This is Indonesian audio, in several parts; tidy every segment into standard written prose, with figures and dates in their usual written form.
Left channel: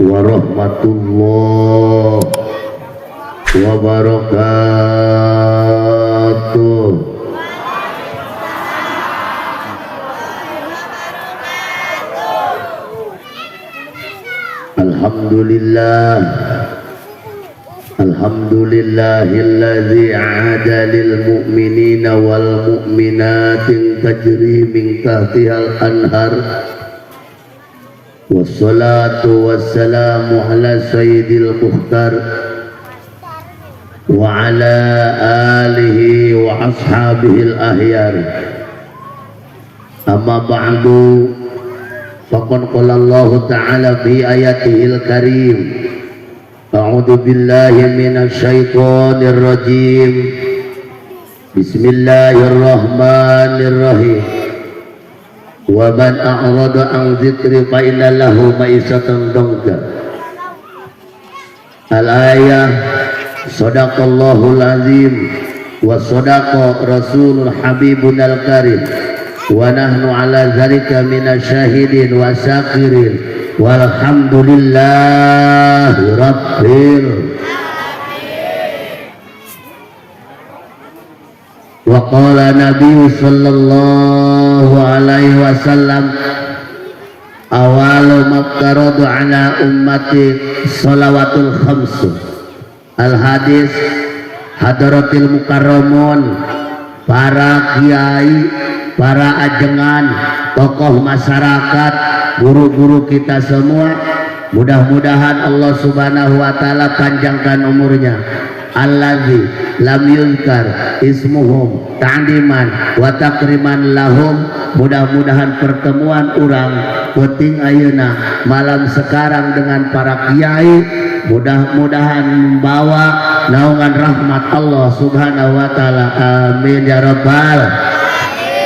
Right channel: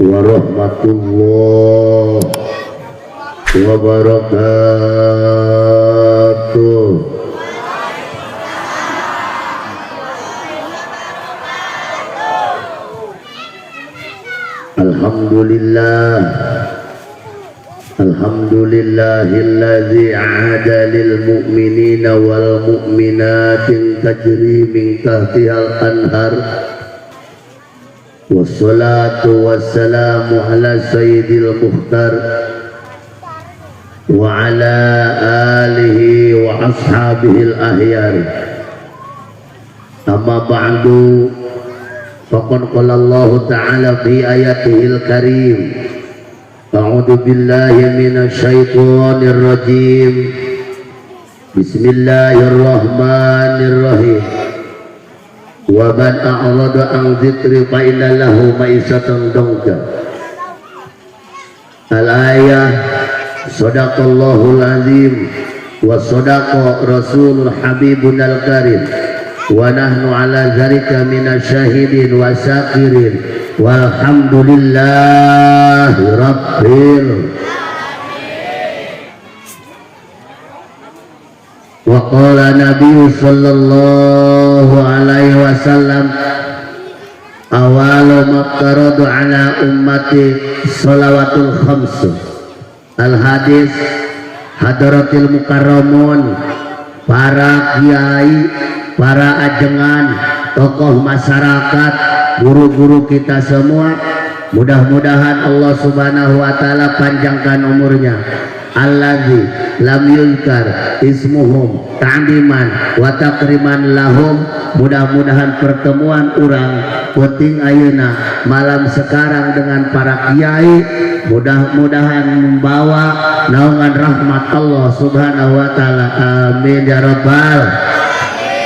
warahmatullahi wabarakatuh. Alhamdulillah, alhamdulillahilladzi a'ada lil mu'minina wal mu'minatin tajri min tahtihal anhar. Wassalatu wassalamu ala sayyidil mukhtar wa ala alihi wa ashabihil ahyar. Amma ba'du, faqad qala Allah ta'ala fi ayatihil karim, a'udzu billahi minasy syaithanir rajim. Bismillahirrahmanirrahim. Wa man a'rada an dzikri fa inna lahu ma'isatan dhanka. Al-ayah. Shadaqallahul azim wa shadaqa rasulul habibunal karim wa nahnu ala dzalika minasyahidin wa syakirin walhamdulillahi rabbil. Wa qala Nabi sallallahu alaihi wasallam, awalu maqtaradu ala ummati shalawatul khamsu. Al hadis hadratil mukarramun, para kiai, para ajengan, tokoh masyarakat, guru-guru kita semua, mudah-mudahan Allah Subhanahu wa taala panjangkan umurnya. Allazi lam yuzkar ismuhum ta'diman wa takriman lahum. Mudah-mudahan pertemuan orang penting ayeuna malam sekarang dengan para kiai mudah-mudahan membawa naungan rahmat Allah Subhanahu wa taala. Amin ya rabbal.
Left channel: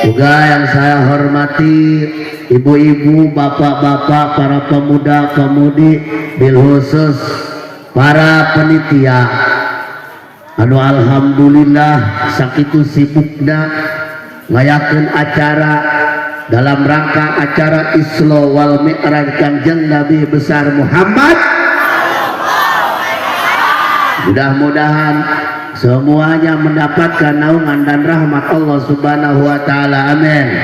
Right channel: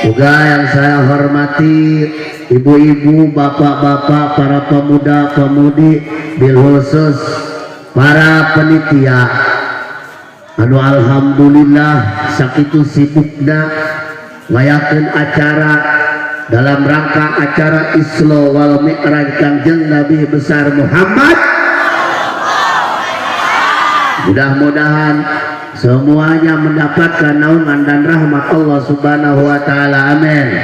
Juga yang saya hormati ibu-ibu, bapak-bapak, para pemuda-pemudi, bil khusus para penitia anu alhamdulillah sakitu sibukna ngayakeun acara dalam rangka acara Isra wal Mi'raj Kanjeng Nabi besar Muhammad. Mudah-mudahan semuanya mendapatkan naungan dan rahmat Allah Subhanahu wa taala. Amin.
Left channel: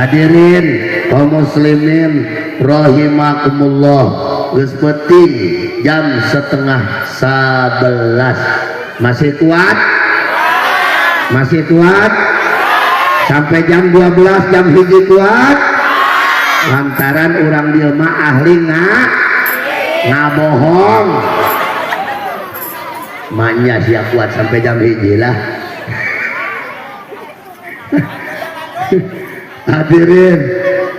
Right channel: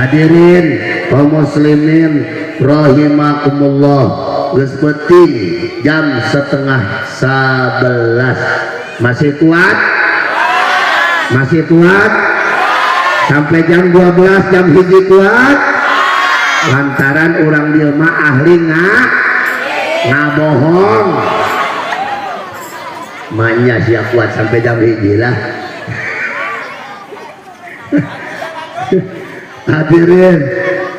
Hadirin kaum muslimin rahimakumullah, geus penting jam 10:30. Masih kuat? Masih kuat? Sampai jam 12 jam hiji kuat? Lantaran orang dia mah ahli ngabohong. Maknya siap kuat sampai jam hiji lah. Hadirin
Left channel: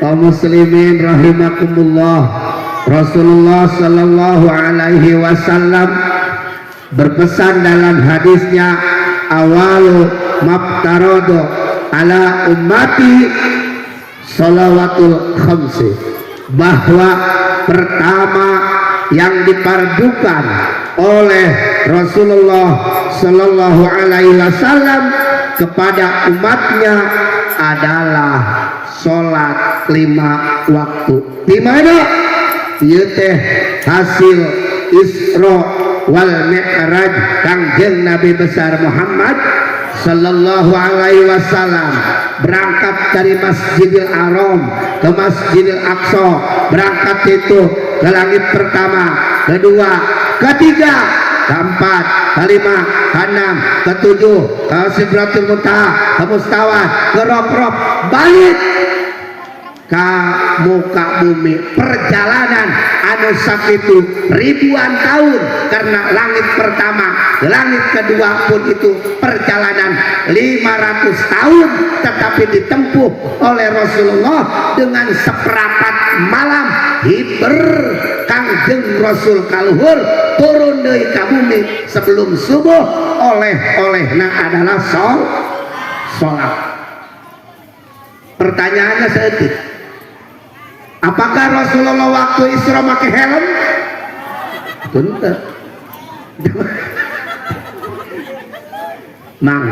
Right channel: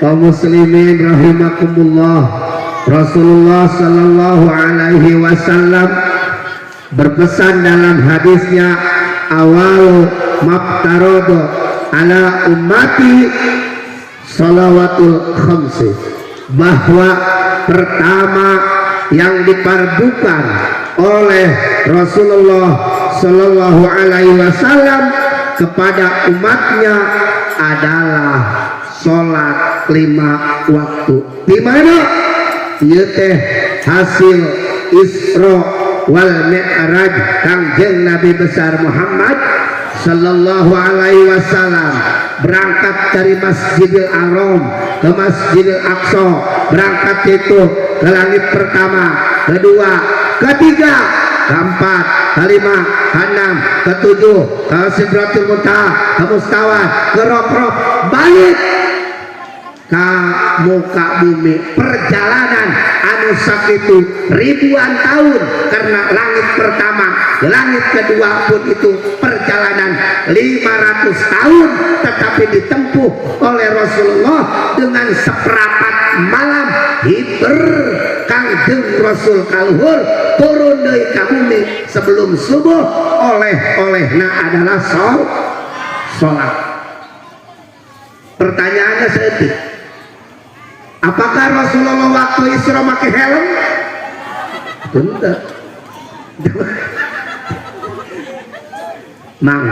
kaum muslimin rahimakumullah, Rasulullah sallallahu alaihi wasallam berpesan dalam hadisnya, awalu maftaradu ala ummati shalawatul khamsi, bahwa pertama yang dipardukan oleh Rasulullah sallallahu alaihi wasallam kepada umatnya adalah sholat 5 waktu. Di mana? Ieu teh hasil Isra wal Mi'raj Kanjeng Nabi besar Muhammad sallallahu alaihi wasallam, berangkat dari Masjidil Haram ke Masjidil Aqsa, berangkat itu ke langit pertama, kedua, ketiga, keempat, kelima, keenam, ketujuh, ke Sidratul Muntaha, ke Mustawa, ke Rob-Rob, balik ke muka bumi. Perjalanan anu sakitu ribuan tahun, karena langit pertama, langit kedua pun itu perjalanan 500 tahun, tetapi ditempuh oleh Rasulullah dengan seperempat malam. Hiber Kangjeng Rasul kaluhur turun dari bumi sebelum subuh, oleh-olehna adalah sholat. Pertanyaannya seperti, apakah Rasulullah waktu Isra pakai helm? Tentu. Mang,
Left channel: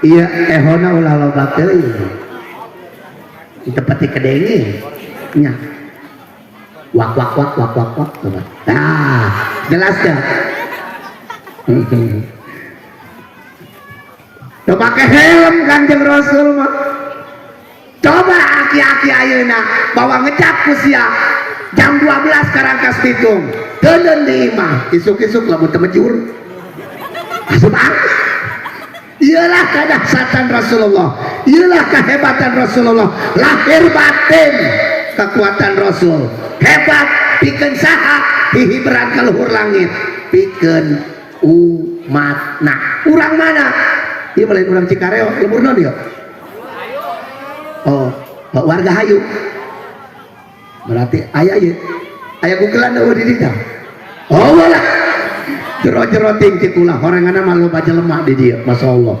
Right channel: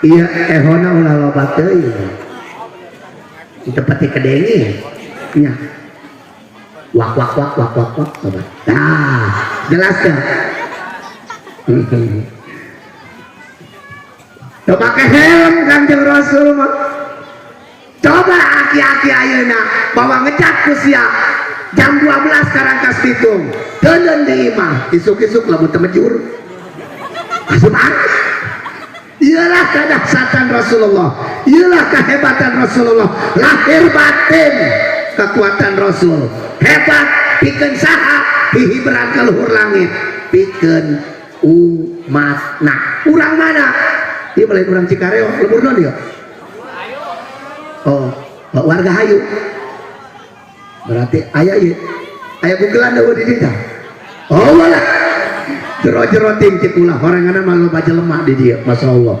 iya ehona ulah loba teuing. Di tempat kedengi. Nya. wak wak wak wak wak wak. Nah, jelas ya. Tuh pakai helm Kanjeng Rasul mah. Coba aki-aki ayeuna bawa ngecap kusia jam 12 karangkas pitung. Deun di imah isuk-isuk lamun teu mejur. Asup iyalah kadahsyatan Rasulullah, iyalah kehebatan Rasulullah, lahir batin kekuatan Rasul hebat pikeun saha hihiberan ka luhur langit pikeun umat. Nah urang mana ieu lain urang Cikareo lembur naon dia oh warga hayu berarti aya ieu aya gugelan eueuh di dieu oh walah jero-jero ting cikulah horengana mah loba jelema di dieu masyaallah.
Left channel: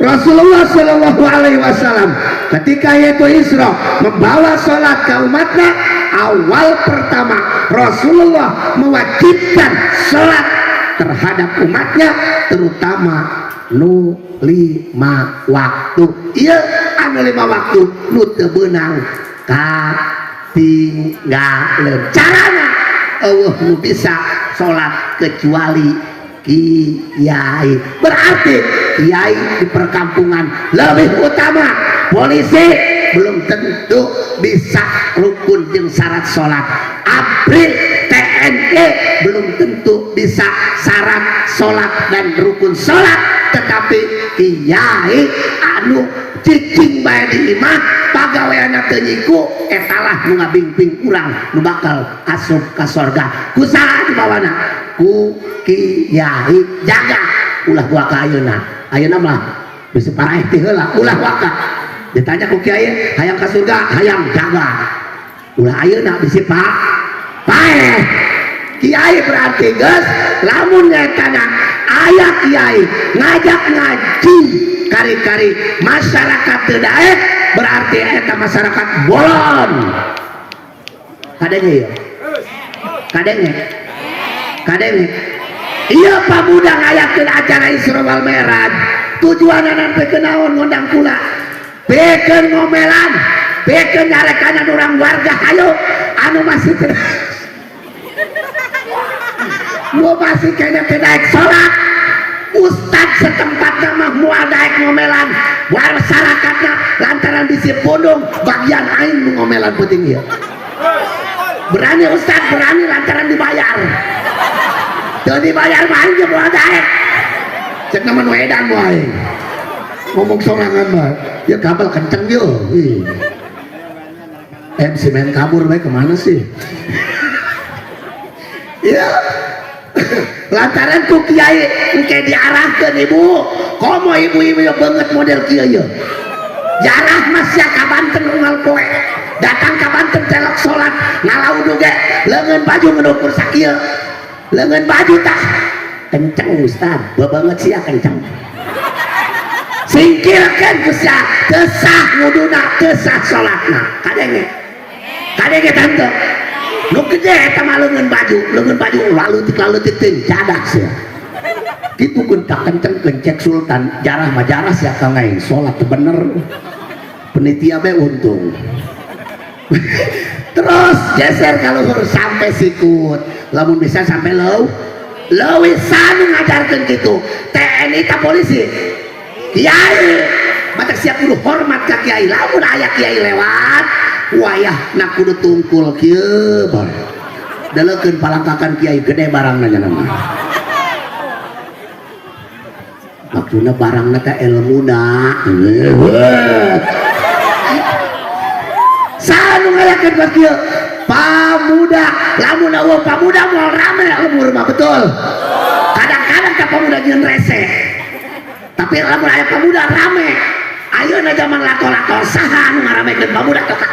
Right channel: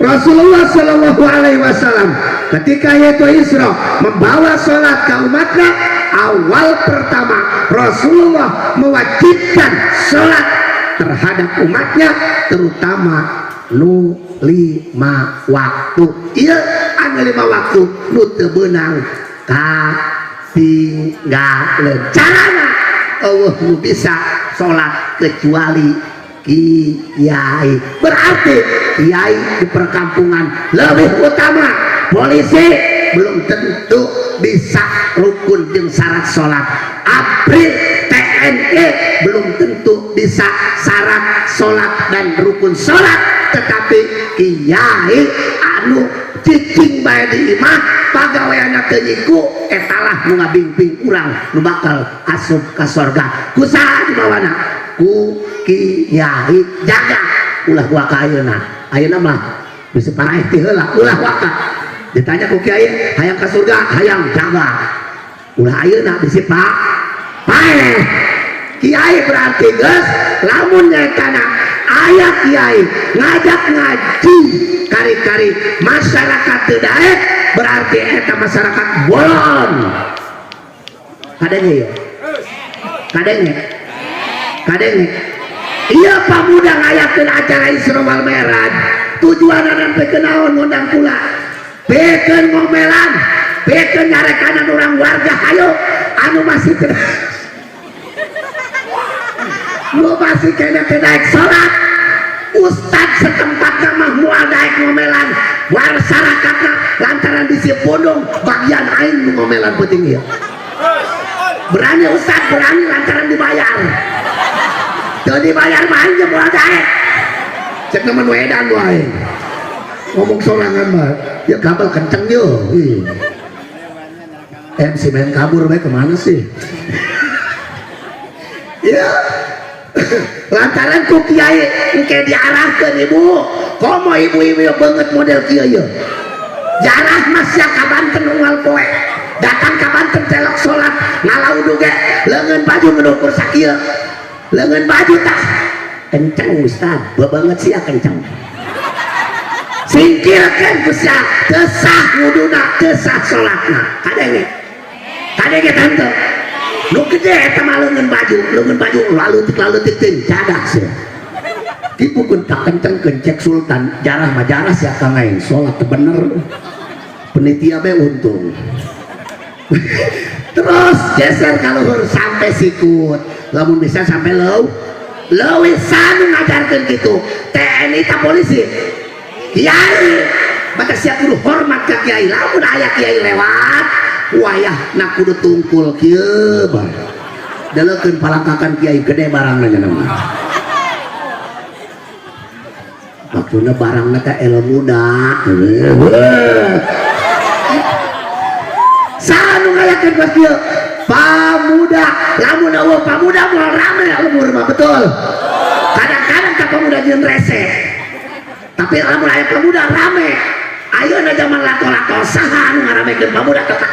Rasulullah Shallallahu Alaihi Wasallam ketika yaitu Isra membawa sholat ke umatnya, awal pertama Rasulullah mewajibkan sholat terhadap umatnya, terutama nu 5 waktu. Iya anu 5 waktu nu teu beunang katinggaleun. Carana eueuh nu bisa sholat kecuali kiai. Berarti kiai di perkampungan lebih utama. Polisi belum tentu bisa rukun jeung syarat sholat. ABRI TNI belum tentu bisa syarat sholat dan rukun sholat. Tetapi kiai anu cicing bae di imah pagaweana teu nyiku etalah nu ngabimbing urang nu bakal asup ka sorga. Kusaha di bawana? Ku kiai jaga ulah gua ka ayeuna mah bisa paraeh teh heula ulah waka ditanya ku kiai hayang ka surga hayang jaga ulah ayeuna bisi pak paeh kiai berarti geus lamun nyatana aya kiai ngajak ngaji kari-kari masyarakat teu daek berarti eta masyarakat bolon kadenge iya pamuda ngayakeun acara Isra wal Mi'raj tujuanna teh kenaon ngundang kula bekeun ngomelan bekeun nyarekanan urang warga hayo anu masih nu masih kena daek salat ustad setempat mah moal daek ngomelan masyarakatna lantaran bisi pondong bagian aing nu ngomelan penting ieu berani ustad berani lantaran dibayar jadi bayar main ke buat daek cek naman wedang wae ngomong sorangan mah ya kapal kenceng yuk si main kabur wae kemana sih ya lantaran ku kiai engke diarahkeun ibu komo ibu-ibu banget model kieu ya jarah masya ka Banten unggal poe datang ka Banten telok salat ngalaudu ge leungeun baju ngedukur sakieu lengan baju tak kenceng ustad banget sih kenceng singkirkan kusya tesah nguduna tesah sholatna kadenge tante nu gede eta mah lengan baju lalu ting cadak sih kitu kun tak kenceng kencek sultan jarah mah jarah sia kangai sholat bener penitia be untung terus geser kalau sampai sikut lamun bisa sampai lewisan ngajarkan gitu TNI tak polisi kiai batak siap kudu hormat ke kiai lamun aya kiai lewat wayah nak kudu tungkul kieu bar dalekeun palangkakan kiai gede barangna nya nama maksudna barangna teh ilmuna sanu ngayakeun ka kieu pamuda lamun eueuh pamuda moal rame umur mah betul kadang-kadang ka pamuda jeung rese tapi lamun aya pamuda rame ayeuna zaman lato-lato saha anu ngaramekeun pamuda kotak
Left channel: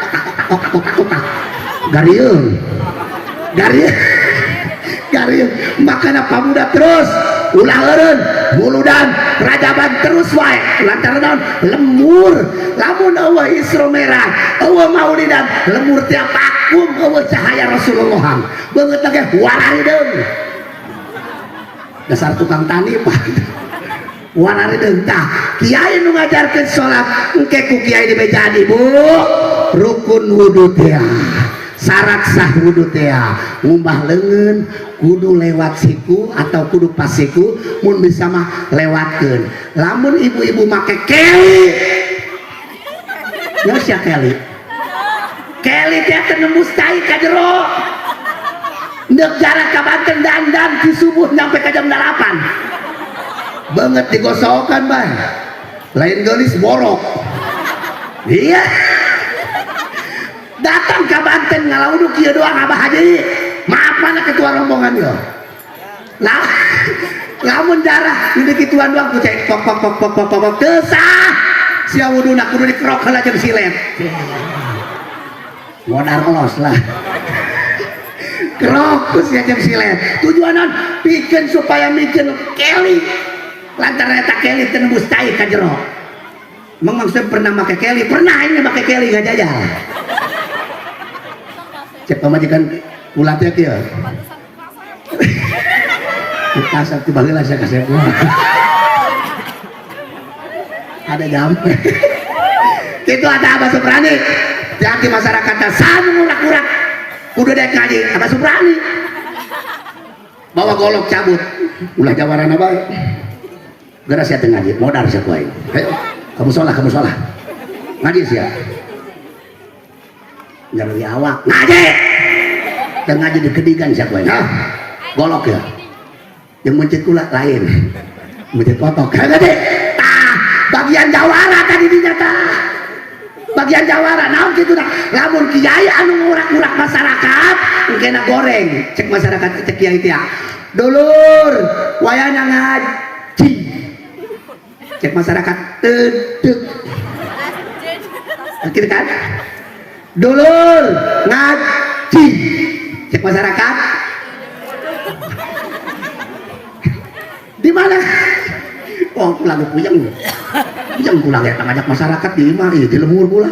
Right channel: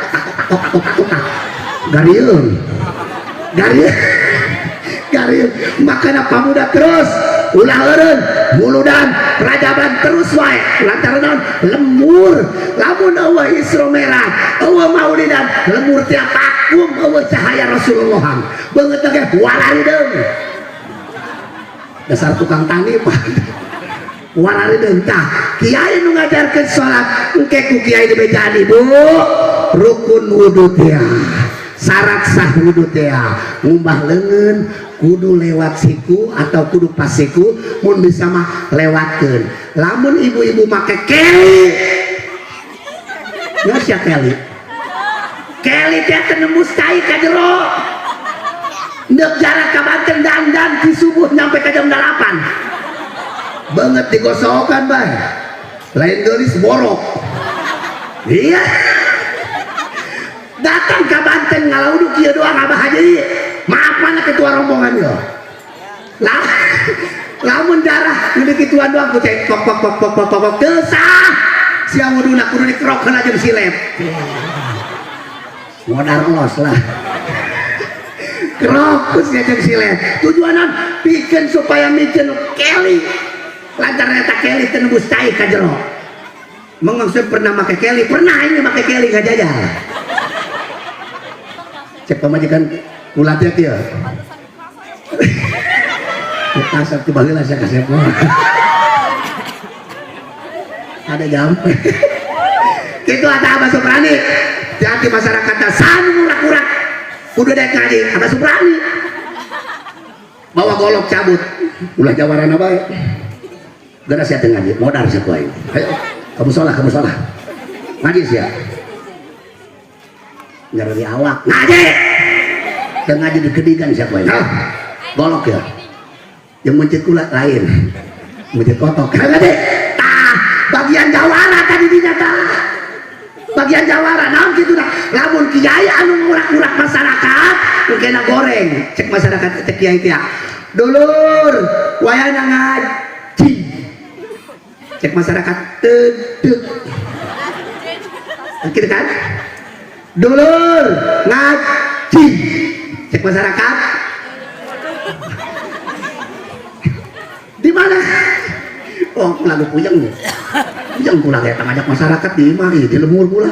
garieun makana pamuda terus ulah eureun muludan rajaban terus wae lantaran lemur lamun eueuh Isra Mi'raj eueuh maulidan lemur tiap akum eueuh cahaya Rasulullah beungeut ge wararideung dasar tukang tani pak wararideung tah kiai nu ngajarkeun salat engke ku kiai di bejaan ibu rukun wudu teh syarat sah wudhu teh ngumbah leungeun kudu lewat siku atau kudu pas siku, mun bisa mah lewatkeun. Lamun ibu-ibu make keli, ya sia keli teh tembus cai ka jero, neuk jarak ka Banten dandan di subuh nyampe ka jam 8 banget digosokan bay, lain geulis borok. Iya, datang ke Banten ngalauduk kieu doang Abah Haji, maafan ketua rombongan yo. Lah, lamun darah nu dikituan doang ku cek pok teu sah. Sia wuduna kudu dikrok heula jeung silet. Modal los lah. Krok ku sia jeung silet. Tujuanan pikeun supaya mikeun keli. Lantaran eta keli teu nembus cai ka jero. Mengangsep pernah make keli, pernah ini make keli nggak jajal. Cek pamajikan ulat ya kieu. Kasar ti baheula saya kasep mah. Ada jam. Kitu ada Abah Suprani. Jadi masyarakatna sanu ngurak-urak kudu daek ngaji Abah Suprani. Bawa golok cabut. Ulah jawarana bae. Gara sia teu ngaji, modal sia ku aing. Ayo, kamu salah. Ngaji sia. Nyari awak. Ngaji. Teu ngaji di kedigan sia ku aing. Golok ya. Yang mencet kulat lain, mencet kotok. Kagak deh. Bagian jawara tadi dinyata. Bagian jawara, naon kitu dah. Lamun kiai anu ngurak-ngurak masyarakat, kena goreng. Cek masyarakat cek kiai teh. Dulur, wayahna ngaji. Cek masyarakat tedek. Gitu kan? Dulur, ngaji. Cek masyarakat. Di mana? Oh, pulang puyeng ya. Puyeng pulang ya ngajak masyarakat di mari di lemur pula.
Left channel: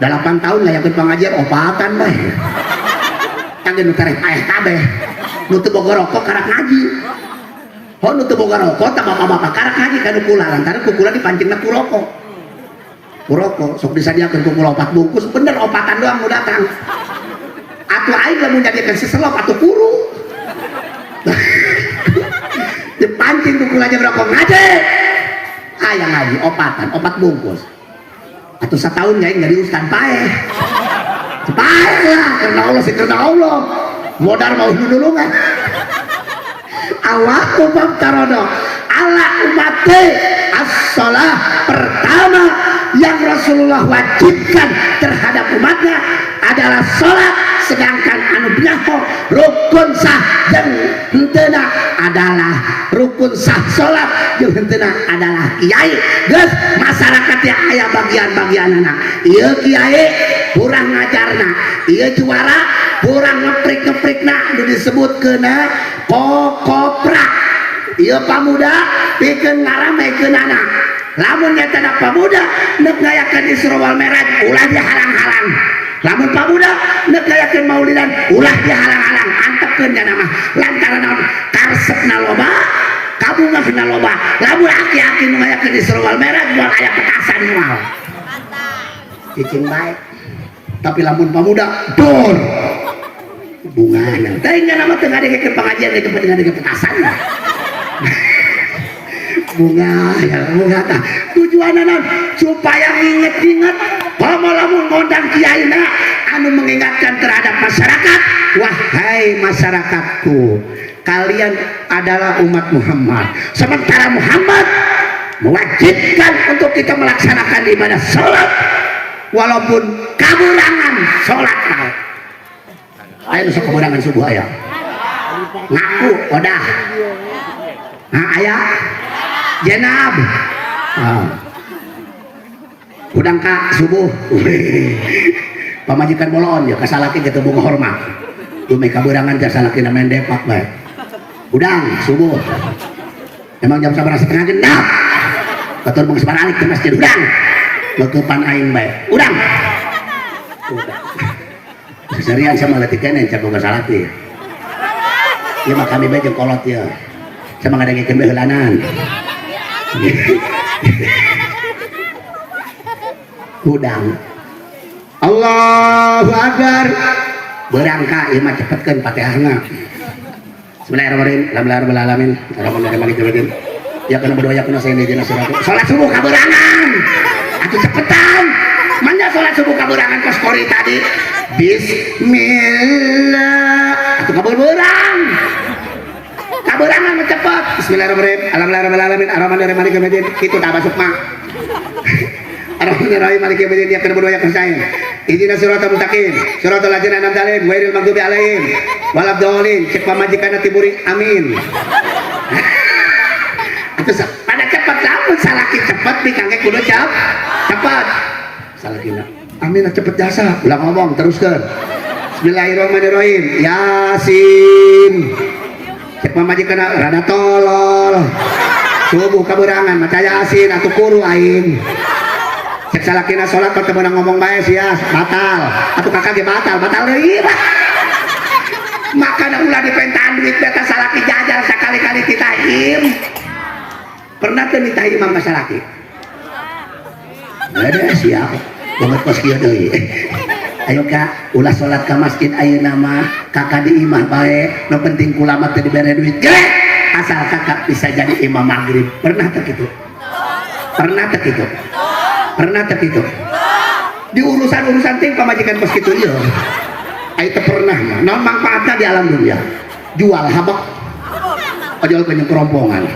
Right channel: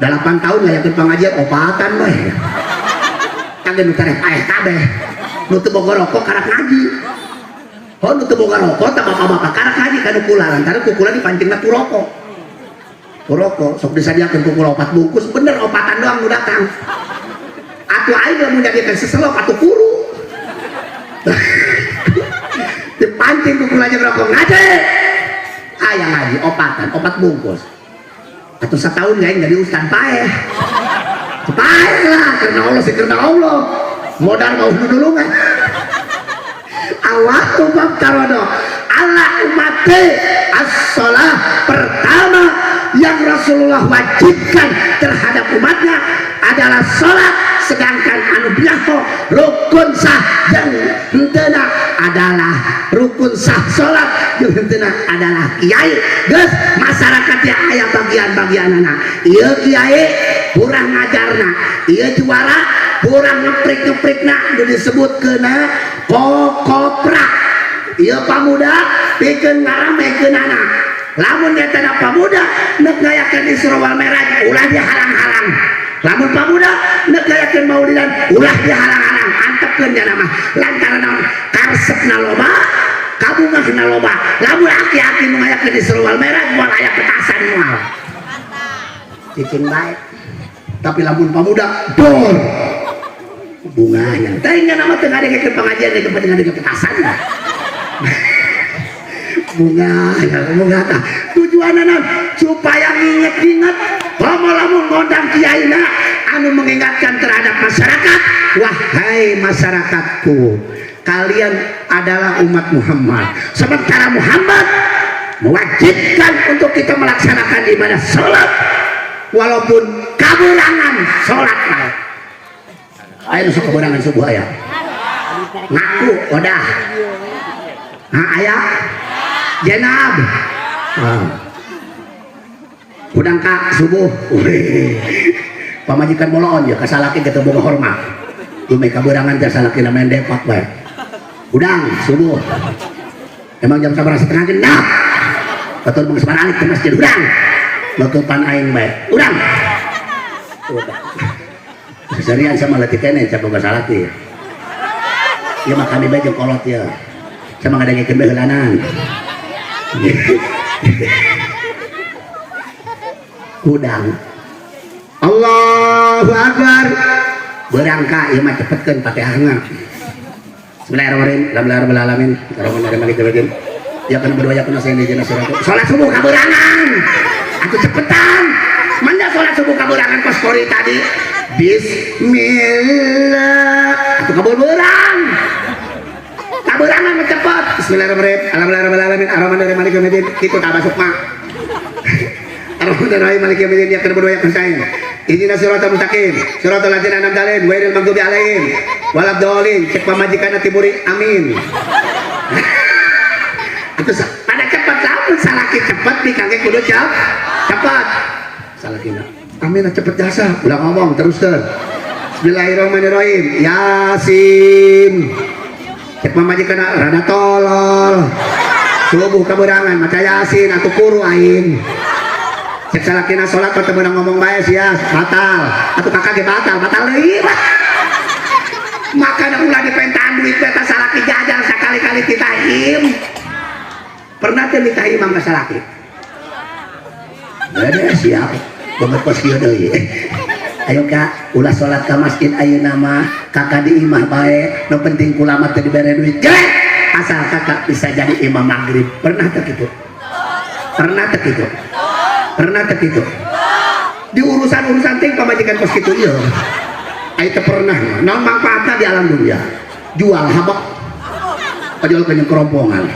8 tahun ngayakeun pengajian opatan bae. Kangge nu tareh aeh kabeh. Nu teu boga rokok karak ngaji. Oh, nu teu boga rokok tah bapak-bapak karak ngaji kanu kula lantaran kukula dipancingna ku rokok. Ku rokok sok disadiakeun ku kula 4 bungkus, bener opatan doang nu datang. Atuh aing lamun jadikeun seselop atuh kuru. Dipancing tuh kulanya berokok ngaji, ayah ngaji opatan 4 bungkus, atau setahun ya nggak diuskan paeh lah karena Allah sih karena Allah modal mau dulu kan awak umat tarono ala umate as-sholah pertama yang Rasulullah wajibkan terhadap umatnya adalah sholat, sedangkan anu biasa rukun sah dan hentena adalah rukun sah sholat yang hentena adalah kiai. Geus masyarakat yang aya bagian-bagianna ieu kiai kurang ngajarna, ieu juara kurang ngeprik-ngeprikna nu disebutkeuna kokoprak, ieu pamuda pikeun ngaramekeunana. Lamun nyata pamuda neuk ngayakeun Isra wal Mi'raj ulah dihalang-halang. Lamun pamuda neuk ngayakeun maulidan ulah dihalang-halang. Antepkeun nya mah lantaran naon karesepna loba, kabungahna loba. Lamun aki-aki nu ngayakeun Isra wal Mi'raj moal aya petasan moal. Cicing bae. Tapi lamun pamuda dor bunganya. Teh nya nama teu ngadengekeun pengajian ke pentingan petasan. bunga tah tujuanna supaya inget-inget pamalamun ngondang kiaina anu mengingatkan terhadap masyarakat. Wahai masyarakatku, kalian adalah umat Muhammad, sementara Muhammad mewajibkan untuk kita melaksanakan ibadah sholat walaupun kaburangan sholat lah. Ayo suka kaburangan subuh ayah ngaku udah ayah jenab udang kak subuh pamajikan moloon ya kasalaki kita bunga hormat dumai kaburangan kasalaki namanya depak baik udang subuh emang jam 11:30 genap betul bang sebaralik ke masjid udang ngekupan aing baik udang seserian sama latih kene cabang kasalaki ya mah kami baik kolot ya sama ngadagi kembehelanan udang Allahu Akbar berangka ieu mah cepetkeun Fatihahna. Bismillahirrahmanirrahim. Alhamdulillahirabbil alamin. Arrahmanirrahim maliki yaumiddin. Ya kana berdoa kuna saya di surat. Salat subuh kaberangan. Atuh cepetan. Mangga salat subuh kaberangan pas kori tadi. Bismillah. Atuh kabeurang. Kaberangan mah cepet. Bismillahirrahmanirrahim. Alhamdulillahirabbil alamin. Arrahmanirrahim maliki yaumiddin. Kitu tah masuk mah. Arrahmanirrahim maliki yaumiddin. Ya kana berdoa kuna saya. Ihdinas siratal mustaqim, siratal ladzina an'amta 'alaihim ghairil maghdubi 'alaihim waladdallin. Cek pamajikanna tiburi amin. Terus pada cepat lamun salaki cepat di kangge kudu cepat. Salakina amin cepet jasa. Ulah ngomong teruskeun. Bismillahirrahmanirrahim. Yasin. Cek pamajikanna rada tolol. Subuh kaberangan maca Yasin atuh kuru aing. Cek salakina sholat kau temenang ngomong bae sia batal atau kakak ge batal lagi makanya ulah dipentaan duit beta salaki jajal sekali-kali ditahim pernah tuh ditahim sama salaki ada siap banget kos kieu deui ayo kak ulah sholat ke masjid ayeuna mah kakak di imah bae nu penting kulamat teh dibere duit ge asal kakak bisa jadi imam maghrib pernah teh kitu pernah terkitu di urusan ting pamajikan kos kitu ieu aya teu pernah mah naon manfaatna di alam dunia jual habak padahal banyak kerombongan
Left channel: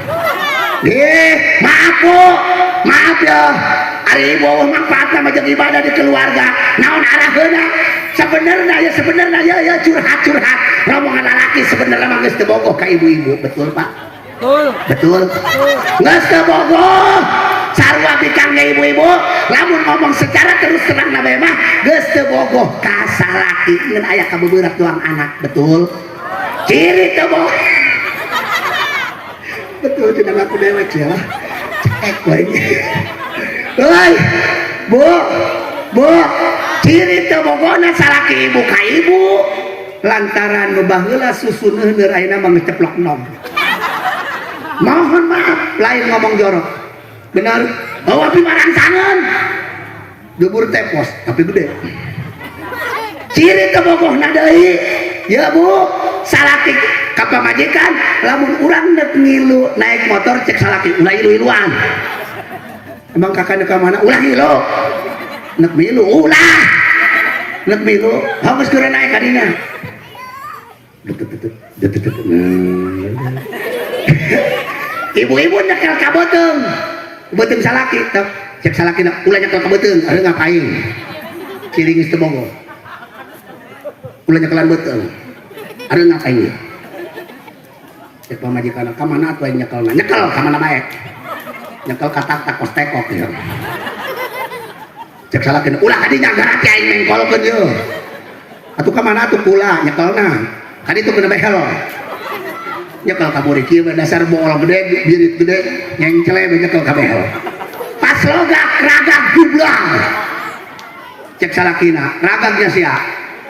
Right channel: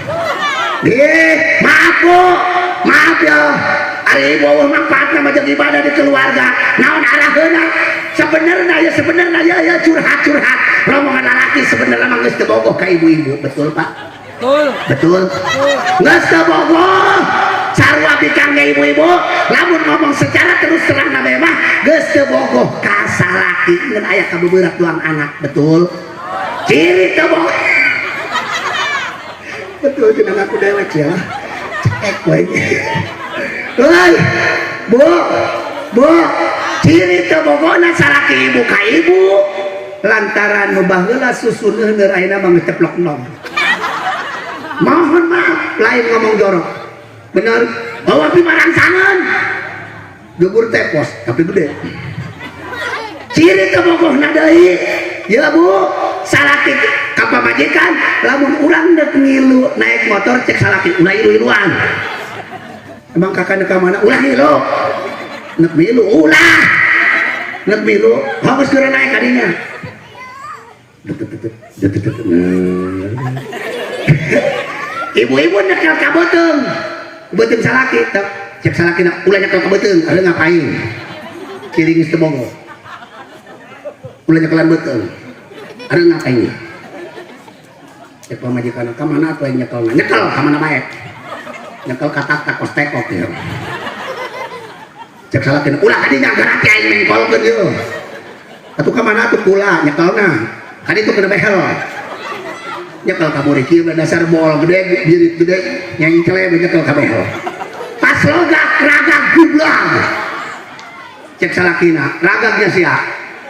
maaf ya ari ibu manfaatna mah ibadah di keluarga naon araheuna sebenarnya ya curhat rombongan lalaki sebenarnya mah geus teu bogoh ka ibu-ibu betul Pak betul geus teu bogoh sarua bikangge ibu-ibu lamun ngomong secara terus terang na mah geus teu bogoh ka salaki ngeun aya kabeubeurek doang anak betul ciri teu bogoh betul cenah aku dewek ya cek we euy bu ciri teu bogona salaki ibu ka ibu lantaran nu baheula susun heuneur ayeuna mah ngeceplok nom mohon maaf lain ngomong jorok bener bawa api marangsangan dubur tepos tapi gede ciri kebogohna deui ya bu salaki ka pamajikan lamun urang neuk ngilu naik motor cek salaki ulah ilu-iluan emang kakak neuk ka mana ulah ngilu neuk milu hagus keur naik ka dinya ibu-ibu nyekel ka beuteung salaki cek salaki ulah nyekel ka beuteung ada ngapain ciri geus teu bogoh ulah nyekelan beuteung ada ngapain cek pamajikan ka mana atuh nyekelna nyekel ka mana bae nyekel ka tak kos tekok ya cek salaki ulah kadinya garati aing mengkolkeun ieu atuh ka mana atuh kula nyekelna kadi tuh kena behel nyekel ka murid kieu dasar moal gede birit gede yang celeh nyekel ka behel pas logak ragag gublang cek salakina ragagnya sia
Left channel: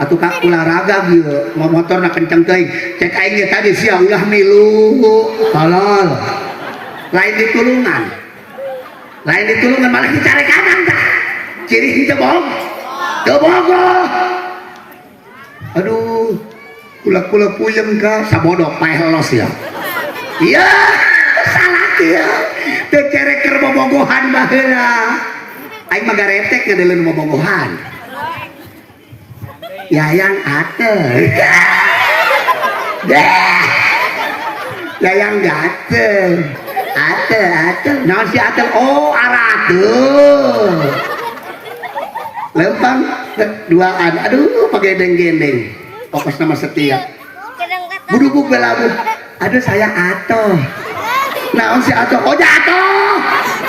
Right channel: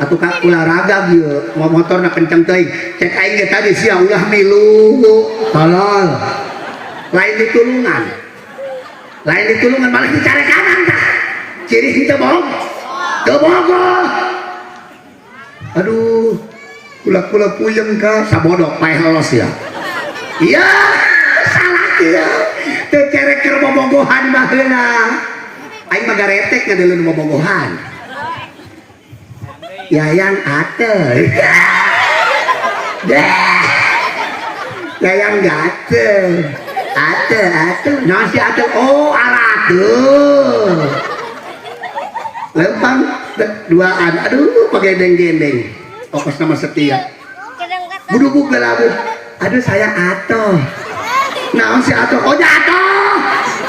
atuh ka ulah ragag ieu motorna kenceng teuing cek aing ge tadi sia ulah milu tolol lain ditulungan malah dicare kanan tah ciri teu bogoh aduh kula puyeng ka sabodok pae helos ya iya salah ya teu cerek keur bobogohan baheula aing mah garetek ngadeuleuh bobogohan yayang ateu yayang gateu ateu naon si ateu oh aradeuh lempang duaan aduh pagedeng-gendeng ongkos nama setia buduk belabu aduh saya Ato naon si Ato oh Ato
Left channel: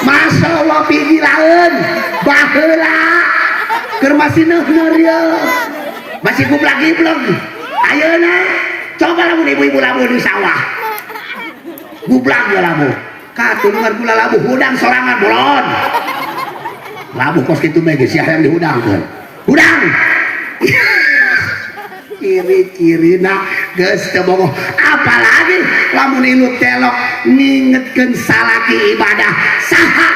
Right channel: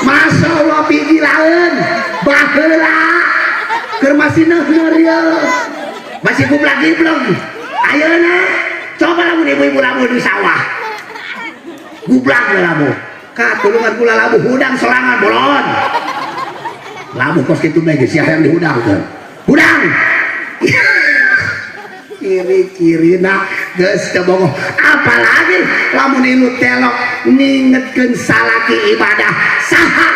Masya Allah pigilaun baheula keur masih neuh ya masih gublag-giblog ayeuna coba lamun ibu-ibu lamun di sawah gublag lamun ka tulungan kula labu hudang sorangan bolon labu kos kitu mah geus yang dihudangkeun hudang kiri-kirina geus teu bogoh apalagi lamun inu telok ngingetkeun salaki ibadah saha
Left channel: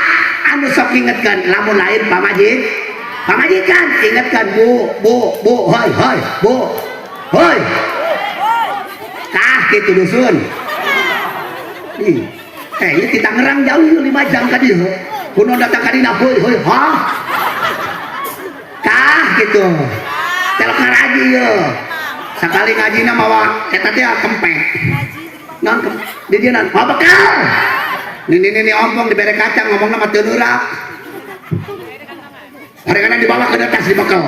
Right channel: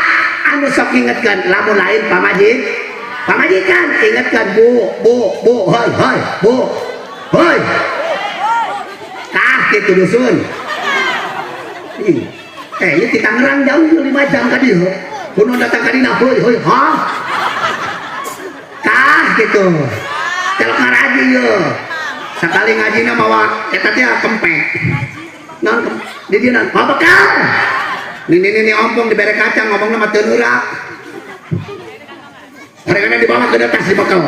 anu sok ngingetkeun lamun lain pamajikan ingetkeun bu hoi bu hoi kah gitu dusun ini kita ngerang jauh 5 jam tadi kuno datang ke dina hoi ha kah gitu telok ngaraji yo sekali ngaji na mawa eta teh kempek non di dia non apa kau ini ompong dibere kacang ngomong nama teu neurak kadang-kadang dibawa ke atas di bakal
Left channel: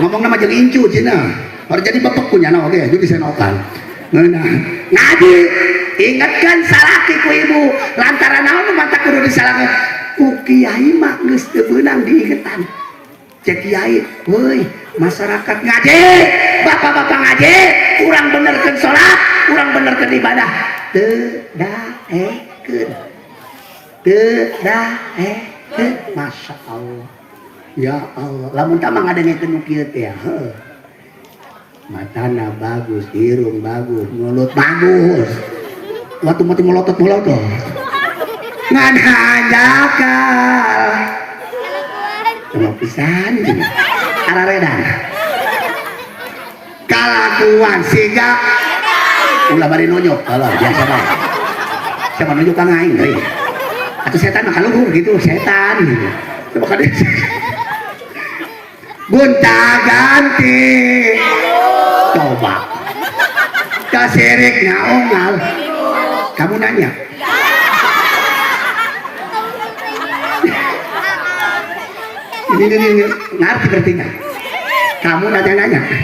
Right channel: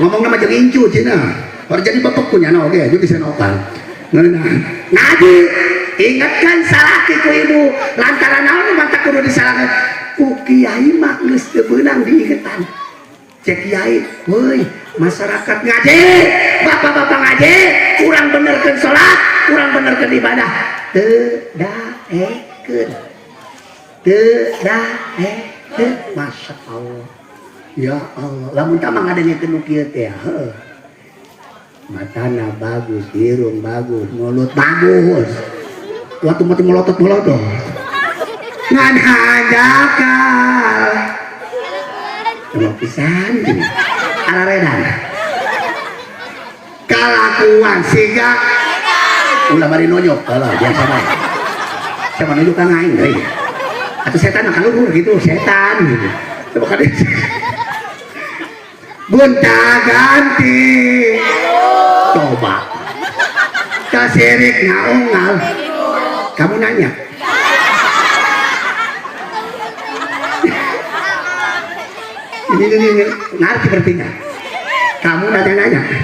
ngomong nama jeung incu cina baru jadi bapak punya no oke jadi senokan ngaji ingatkan salaki ku ibu lantaran naon mata kudu disalahkeun ku kiai mah geus teu beunang diingetan cek kiai weuy masyarakat ngaji bapak-bapak ngaji kurang benerkeun salat kurang benerkeun ibadah teu daekeun masya Allah ya Allah lamun tamang ngadengekeun nu kieu teh matana bagus hidung bagus mulut bagus waktu mati melotot ngan hajakal sama pisan araredan kalakuan siga ulah bari nonyok kalau biasa bae sama nonyok kang aing deui atau setan mah kaluhur gitu setan gitu coba kade gonta ganti coba kasirik ngaungal kamu nanya ini ngerti berarti nggak kamu nanya ngerti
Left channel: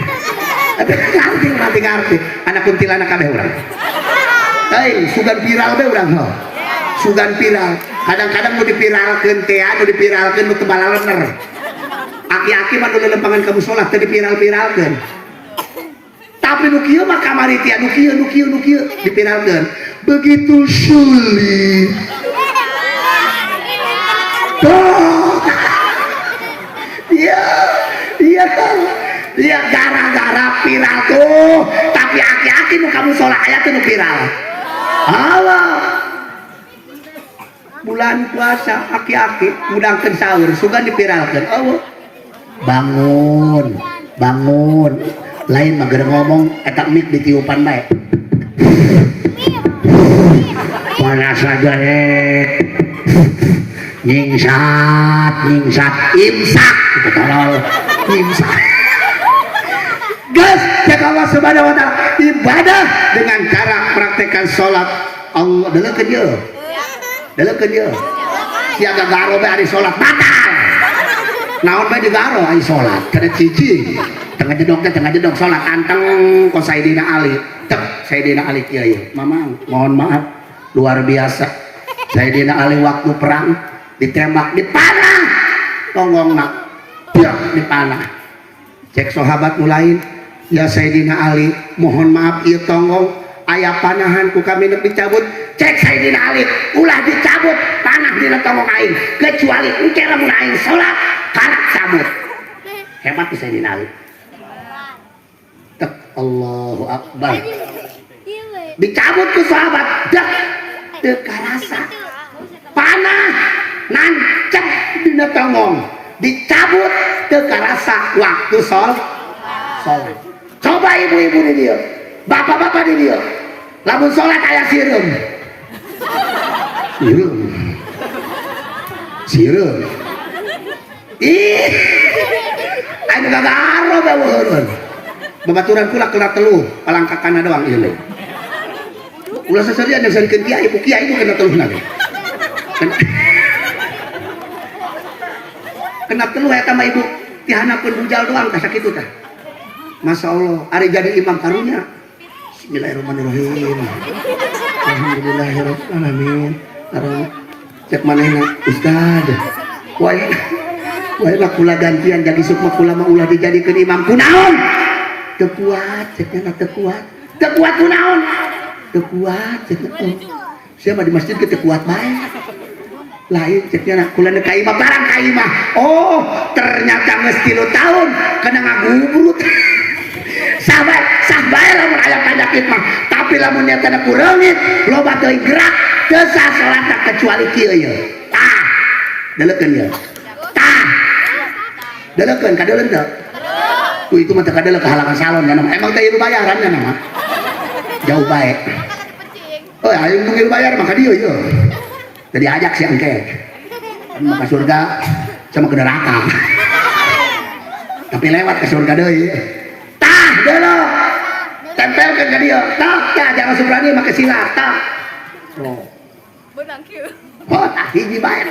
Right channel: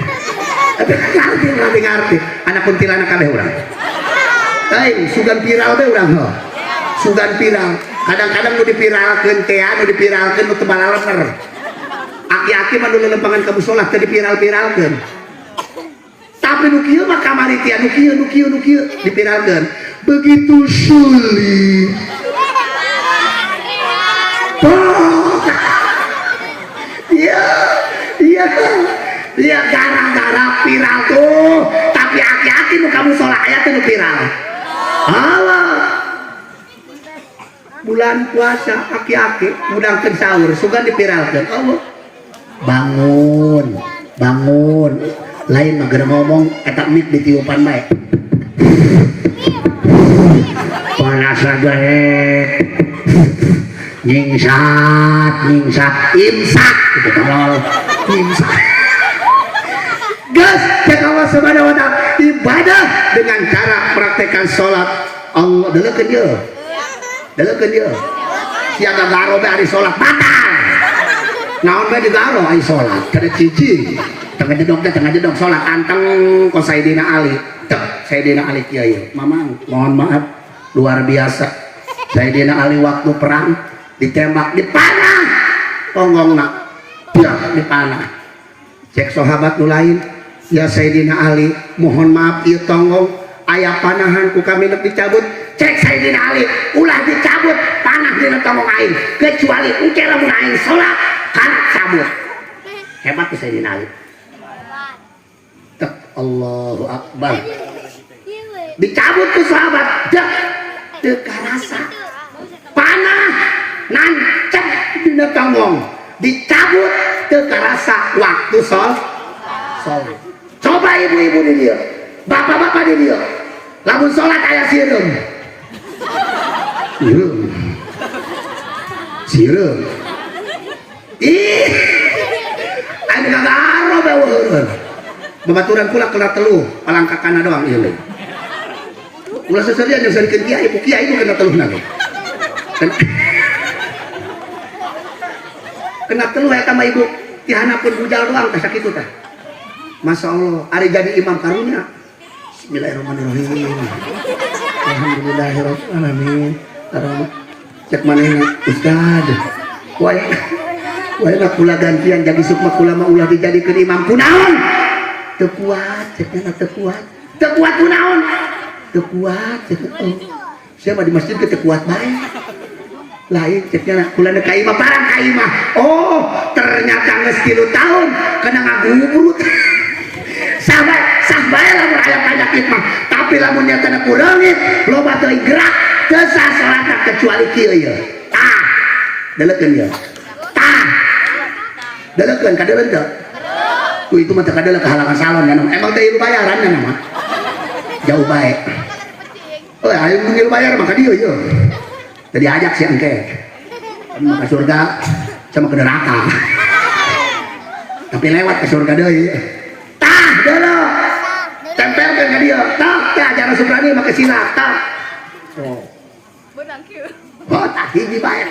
anak kuntilanak kabeh urang sugan viral teh urang ho sugan viral kadang-kadang mau dipiralkeun teh anu dipiralkeun nu teu balalener aki-aki mah nu lempangan kamu salat teh dipiralkeun tapi nu kieu mah kamari teh nu kieu dipiralkeun begitu sulit iya gara-gara viral tuh tapi aki-aki nu kamu sholat ayat tuh nu viral Allah bulan puasa aki-aki mudangkeun sahur sugan dipiralkeun Allah bangun lain mah geura ngomong eta mik ditiupan bae panas aja nyingsat imsak gitu tolol imsak gas cek Allah subhanahu wa ta'ala ibadah dengan cara praktekkan sholat Allah delekeun dia siaga garo be ari sholat batal naon be digaro ari sholat kada cicing tengah jedong sholat anteng ko Sayyidina Ali teh Sayyidina Ali kieu mamang mohon maaf luar biasa Sayyidina Ali waktu perang ditembak dipanah tonggongna ya dipanah cek sahabat nu lain ya Sayyidina Ali mohon maaf ieu tonggong aya panahan ku kami nepi cabut cek Sayyidina Ali ulah dicabut panah dina tonggong aing kecuali engke lamun aing salat kana cabut hebat ti Sayyidina Ali Allahu Akbar dicabut ku sahabat dah teu karasa panah nancep dina tonggong dicabut teu karasa waktu sholat coba ibu-ibu di dia bapak-bapak di dia lamun sholat aya sireum ih aing gagaro bae weureun babaturan kula kena teluh palangkakana doang ieu leuy ulah seserian yang sarikeun kiai ibu kiai itu kena teluhna kena teluh eta mah ibu tihanakeun bujal doang ka sakitu teh Masya Allah ari jadi imam karunya Bismillahirrahmanirrahim Alhamdulillahirrahmanirrahim cek manehna Ustad wae kula gantian jadi sukma kula mah ulah dijadikeun imam kunaon teu kuat cekna teu kuat kunaon teu kuat cekna siapa di masjid teu kuat bae lain ceknya kula ka imah barang ka imah oh ternyata geus 3 tahun kena ngagubrut sah bae lamun aya penyakit mah tapi lamun nya tanda kureungit loba teuing gerak teu sah salat kecuali kieu ye tah deleukeun ye tah deleukeun ka deuleun teu itu mah teu adalah kehalangan salon ya nama. Emang teh ieu bayaran ya nama. Jauh baik. Oh, ayo nunggu bayar maka dia ieu. Tadi ajak si engke. Maka surga sama ke neraka. Tapi lewat ke surga deui. Tah, deuleuh. Tempelkeun ka dia. Tah, tah jangan subrani make silat. Tah. Oh. Oh, tak hiji bae.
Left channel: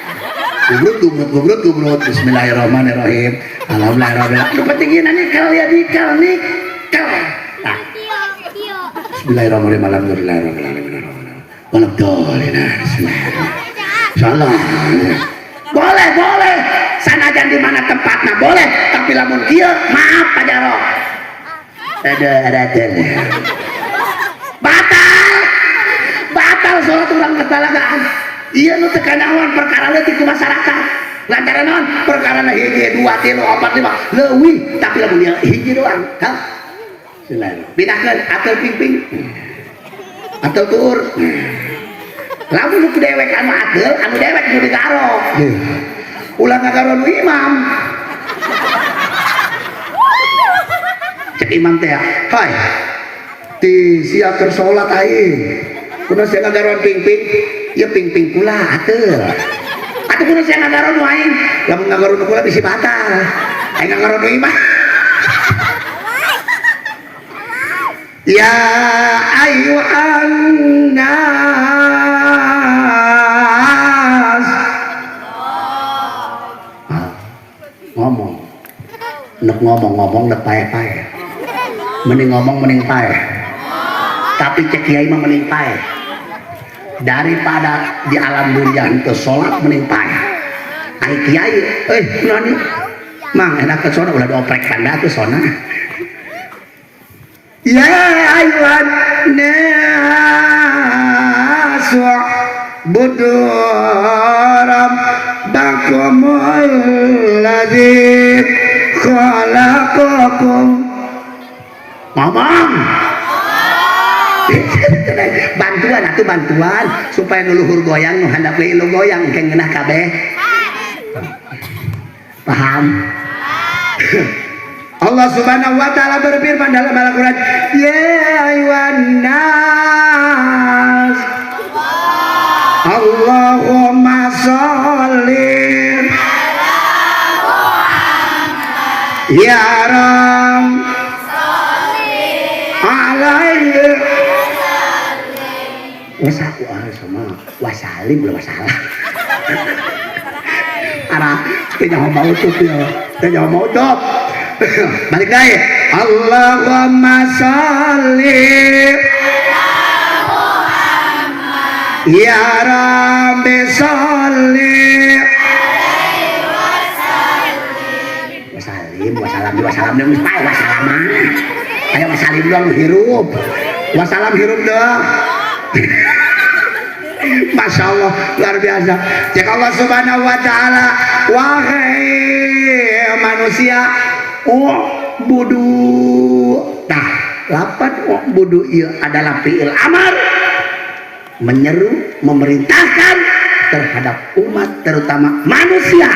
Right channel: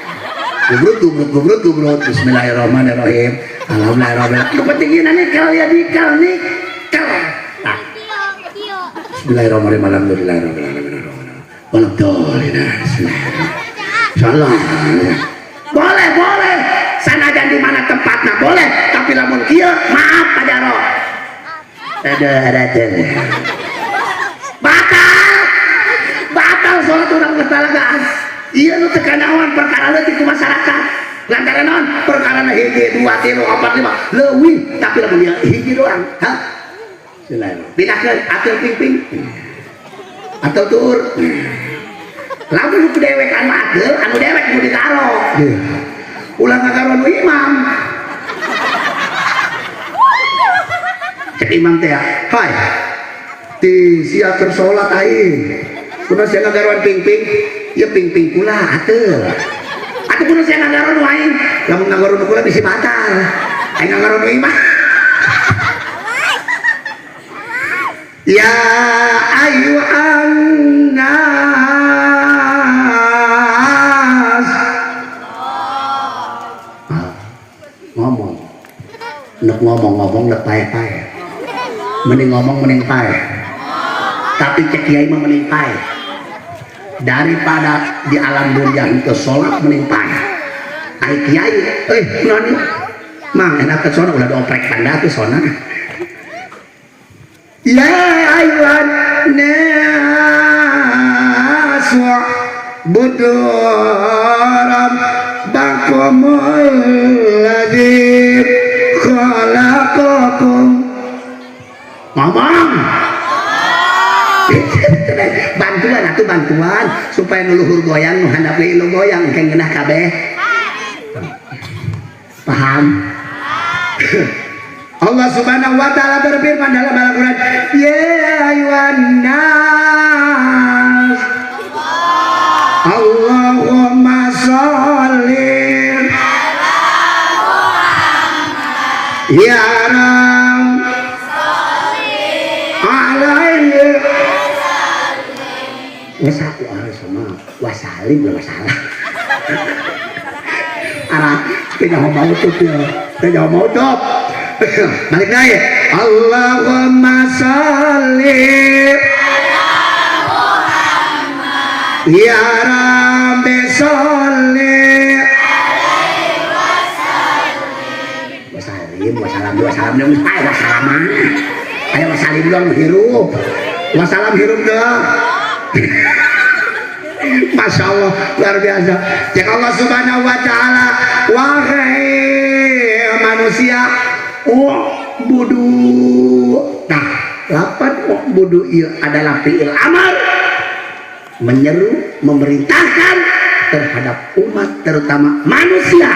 Gubrut. Bismillahirrahmanirrahim. Alhamdulillah. Yang penting ieu nikel ya nikel. Tah. Bismillahirrahmanirrahim. Alhamdulillahirrahmanirrahim. Salah. Boleh. Sanajan di mana tempatnya boleh, tapi lamun kieu maaf Pak Jaro. Ada. Batal salat urang ketalagaan. Iya nu teu kanaon perkara leutik ku masyarakat. Lantaran naon? Perkara hiji 2 3 4 5 leuwih, tapi lamun dia hiji doang. Hah? Binakeun atur ping atau tuur. Lamun nu dewek anu adil, anu dewek kudu digaro. Ulah ngagaro nu imam. Cek imam teh, "Hai. Ti sia keur salat aing. Kunaon sia ngagaroan ping-ping?" Ya ping-ping kula atuh. Atuh kunaon sia ngagaroan aing? Lamun ngagaroan kula bisi batal. Aing ngagaroan nu imam. Ya ayyuhan nas. Ngomong nek pae-pae. Mending ngomong mending pae. Tapi cek kiai mah mending pae. Daripada di alam dunia itu sholat mending pae. Ari kiai, naon? Mang enak ke sono ulah doprek panda tuh sona. Ya ayyuhan nas budu rabbakumul ladzi khalaqakum. Ngomong. Bantuan supaya nuluhur goyang handap lu goyang keng genah kabeh. Paham? Allah Subhanahu wa taala berfirman dalam Al-Qur'an, "Ya ayyuhan nas, Allahumma sholli ya Rabb alaihi wasalim belum masalah. Arah tidak mau tuh tidak mau dok. Balik lagi. Allahumma sholli ya Rabbi sholli wasalim dong wasalam kayak wasalim dong hirup wasalam hirup dong. Masya Allah luar biasa. Jika Allah Subhanahu wa taala wahai manusia budu. Nah, lapan budu adalah fi'il amar menyeru memerintahkan terhadap umat terutama manusia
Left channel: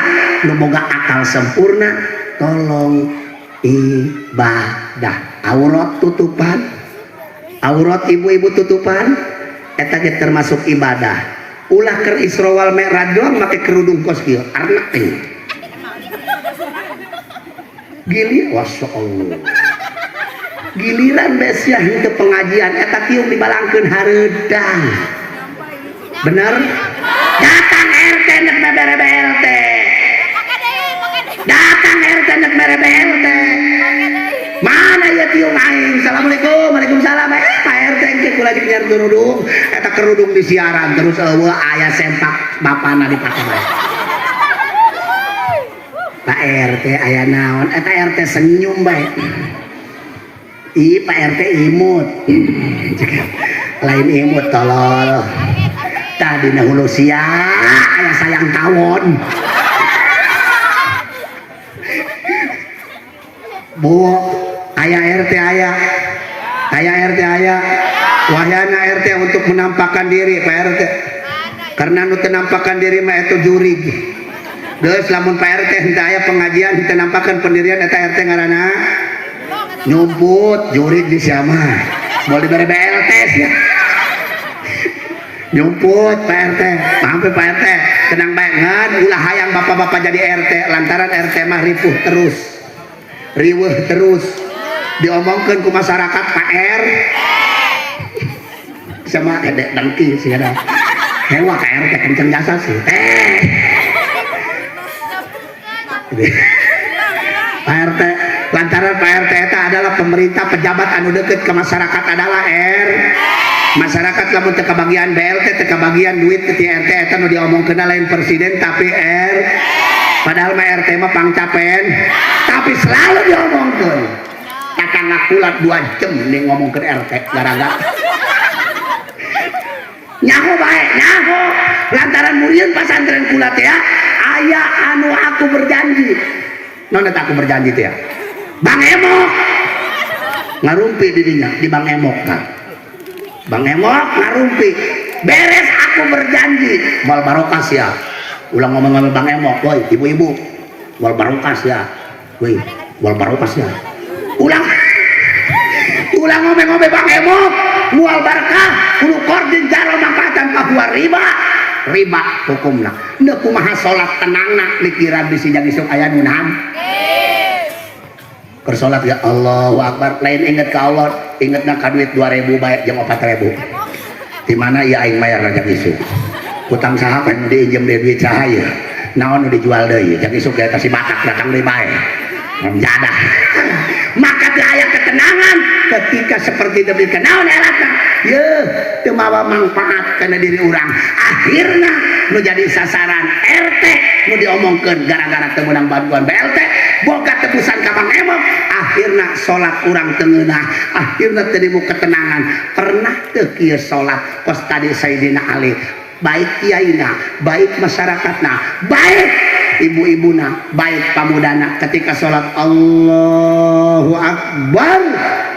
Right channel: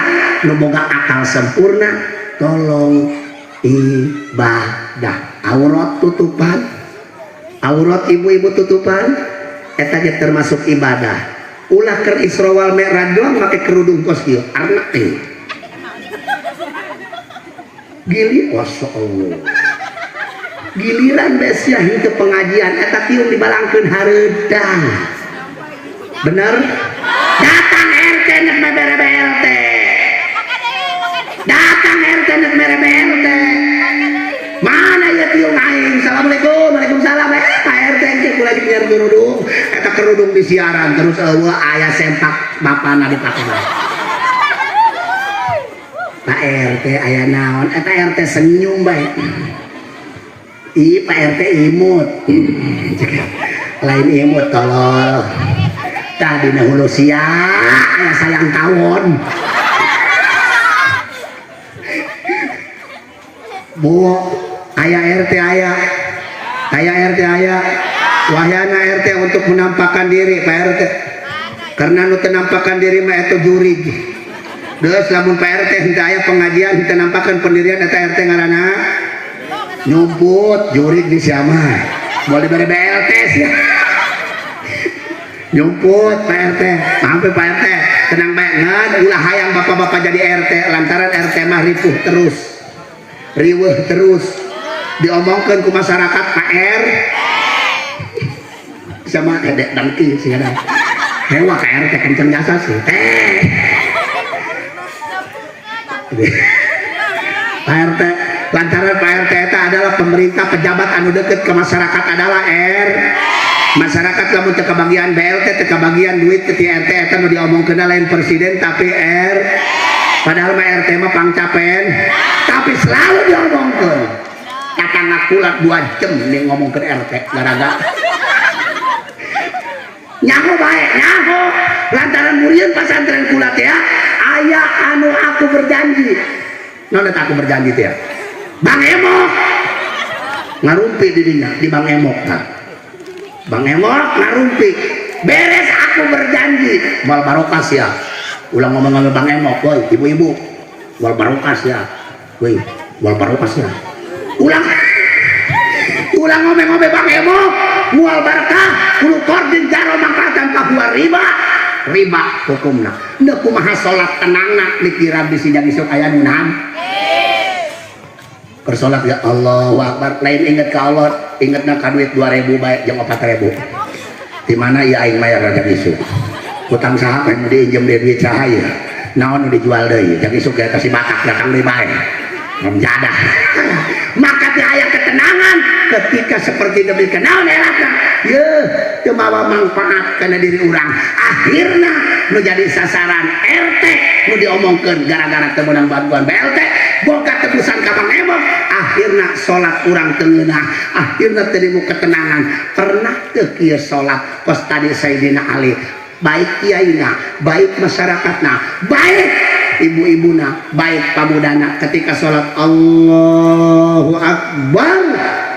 nu boga akal sempurna tolong ibadah. Aurat tutupan, aurat ibu-ibu tutupan eta ge termasuk ibadah. Ulah keur Isra wal Mi'raj doang make kerudung kos kieu arna teh. Gili wasallam. Giliran besia henteu pengajian eta kieu dibalangkeun hareudang. Bener? Datang RT nek mere BLT. Datang RT nek mere BLT. Mana ya tiung aing? Assalamualaikum. Waalaikumsalam. Pak RT engke kula dinyar kerudung. Eta kerudung disiaran terus eueuh aya sempak bapana dipake bae. Pak RT aya naon? Eta RT senyum bae. Pak RT imut. Lain imut tolol. Tadi dahulu sia aya sayang tawon. Bu, ayah RT ayah RT ayah wahyana RT untuk menampakkan diri Pak RT karena nu tenampakan diri mah itu jurig geus lamun Pak RT henteu aya pengajian henteu nampakkan pendirian eta RT ngaranna nyumput jurik di siapa mau diberi BLT sih nyumput Pak RT sampai Pak RT tenang banget ulah hayang bapak-bapak jadi RT lantaran RT mah riweuh terus diomongkan ke masyarakat Pak R sama dedek dangki sih ada hewa Pak RT kenceng jasa sih Pak RT lantaran Pak RT itu adalah pemerintah pejabat anu deket ke masyarakat adalah masyarakat lamun teu kabagian BLT teu kabagian duit ke RT eta nu diomongkeun lain presiden tapi padahal mah RT mah pangcapen tapi selalu diomongkeun kakang ngakulat 2 jam nih ngomongkeun RT gara-gara nyaho bae nyaho lantaran murieun pasantren kulat ya aya anu aku berjanji naon eta aku berjanji teh ya Bang Emok ngarumpi di dinya di Bang Emok nah Bang Emok ngarumpi beres aku berjanji wal barokas ya ulang ngomong sama Bang Emok woi ibu-ibu wal barokas ya woi wal barokas ya ulang ngomong Bang Emok mual barkah kudu kordin jaro mangkatan Papua riba hukumna neu kumaha salat tenangna dikira bisi jang isuk aya nunahan keur salat ya Allahu Akbar lain inget ka Allah ingetna ka duit 2000 bae jeung 4000 di mana ya aing mayar rajak isuk utang saha kan diinjem duit saha ya naon nu dijual deui jeung isuk eta si batak datang deui bae menjadah maka teh aya ketenangan ketika seperti demi kenaon eratna ye teu mawa manfaat kana diri urang akhirna nu jadi sasaran RT nu diomongkeun gara-gara teu meunang bantuan BLT boga tebusan ka Bang Emok akhirna salat urang teu ngeunah akhirna teu dimu ketenangan pernah teu kieu salat pas tadi Sayyidina Ali baik kiaina baik masyarakatna baik ibu-ibuna baik pamudana ketika sholat Allahu Akbar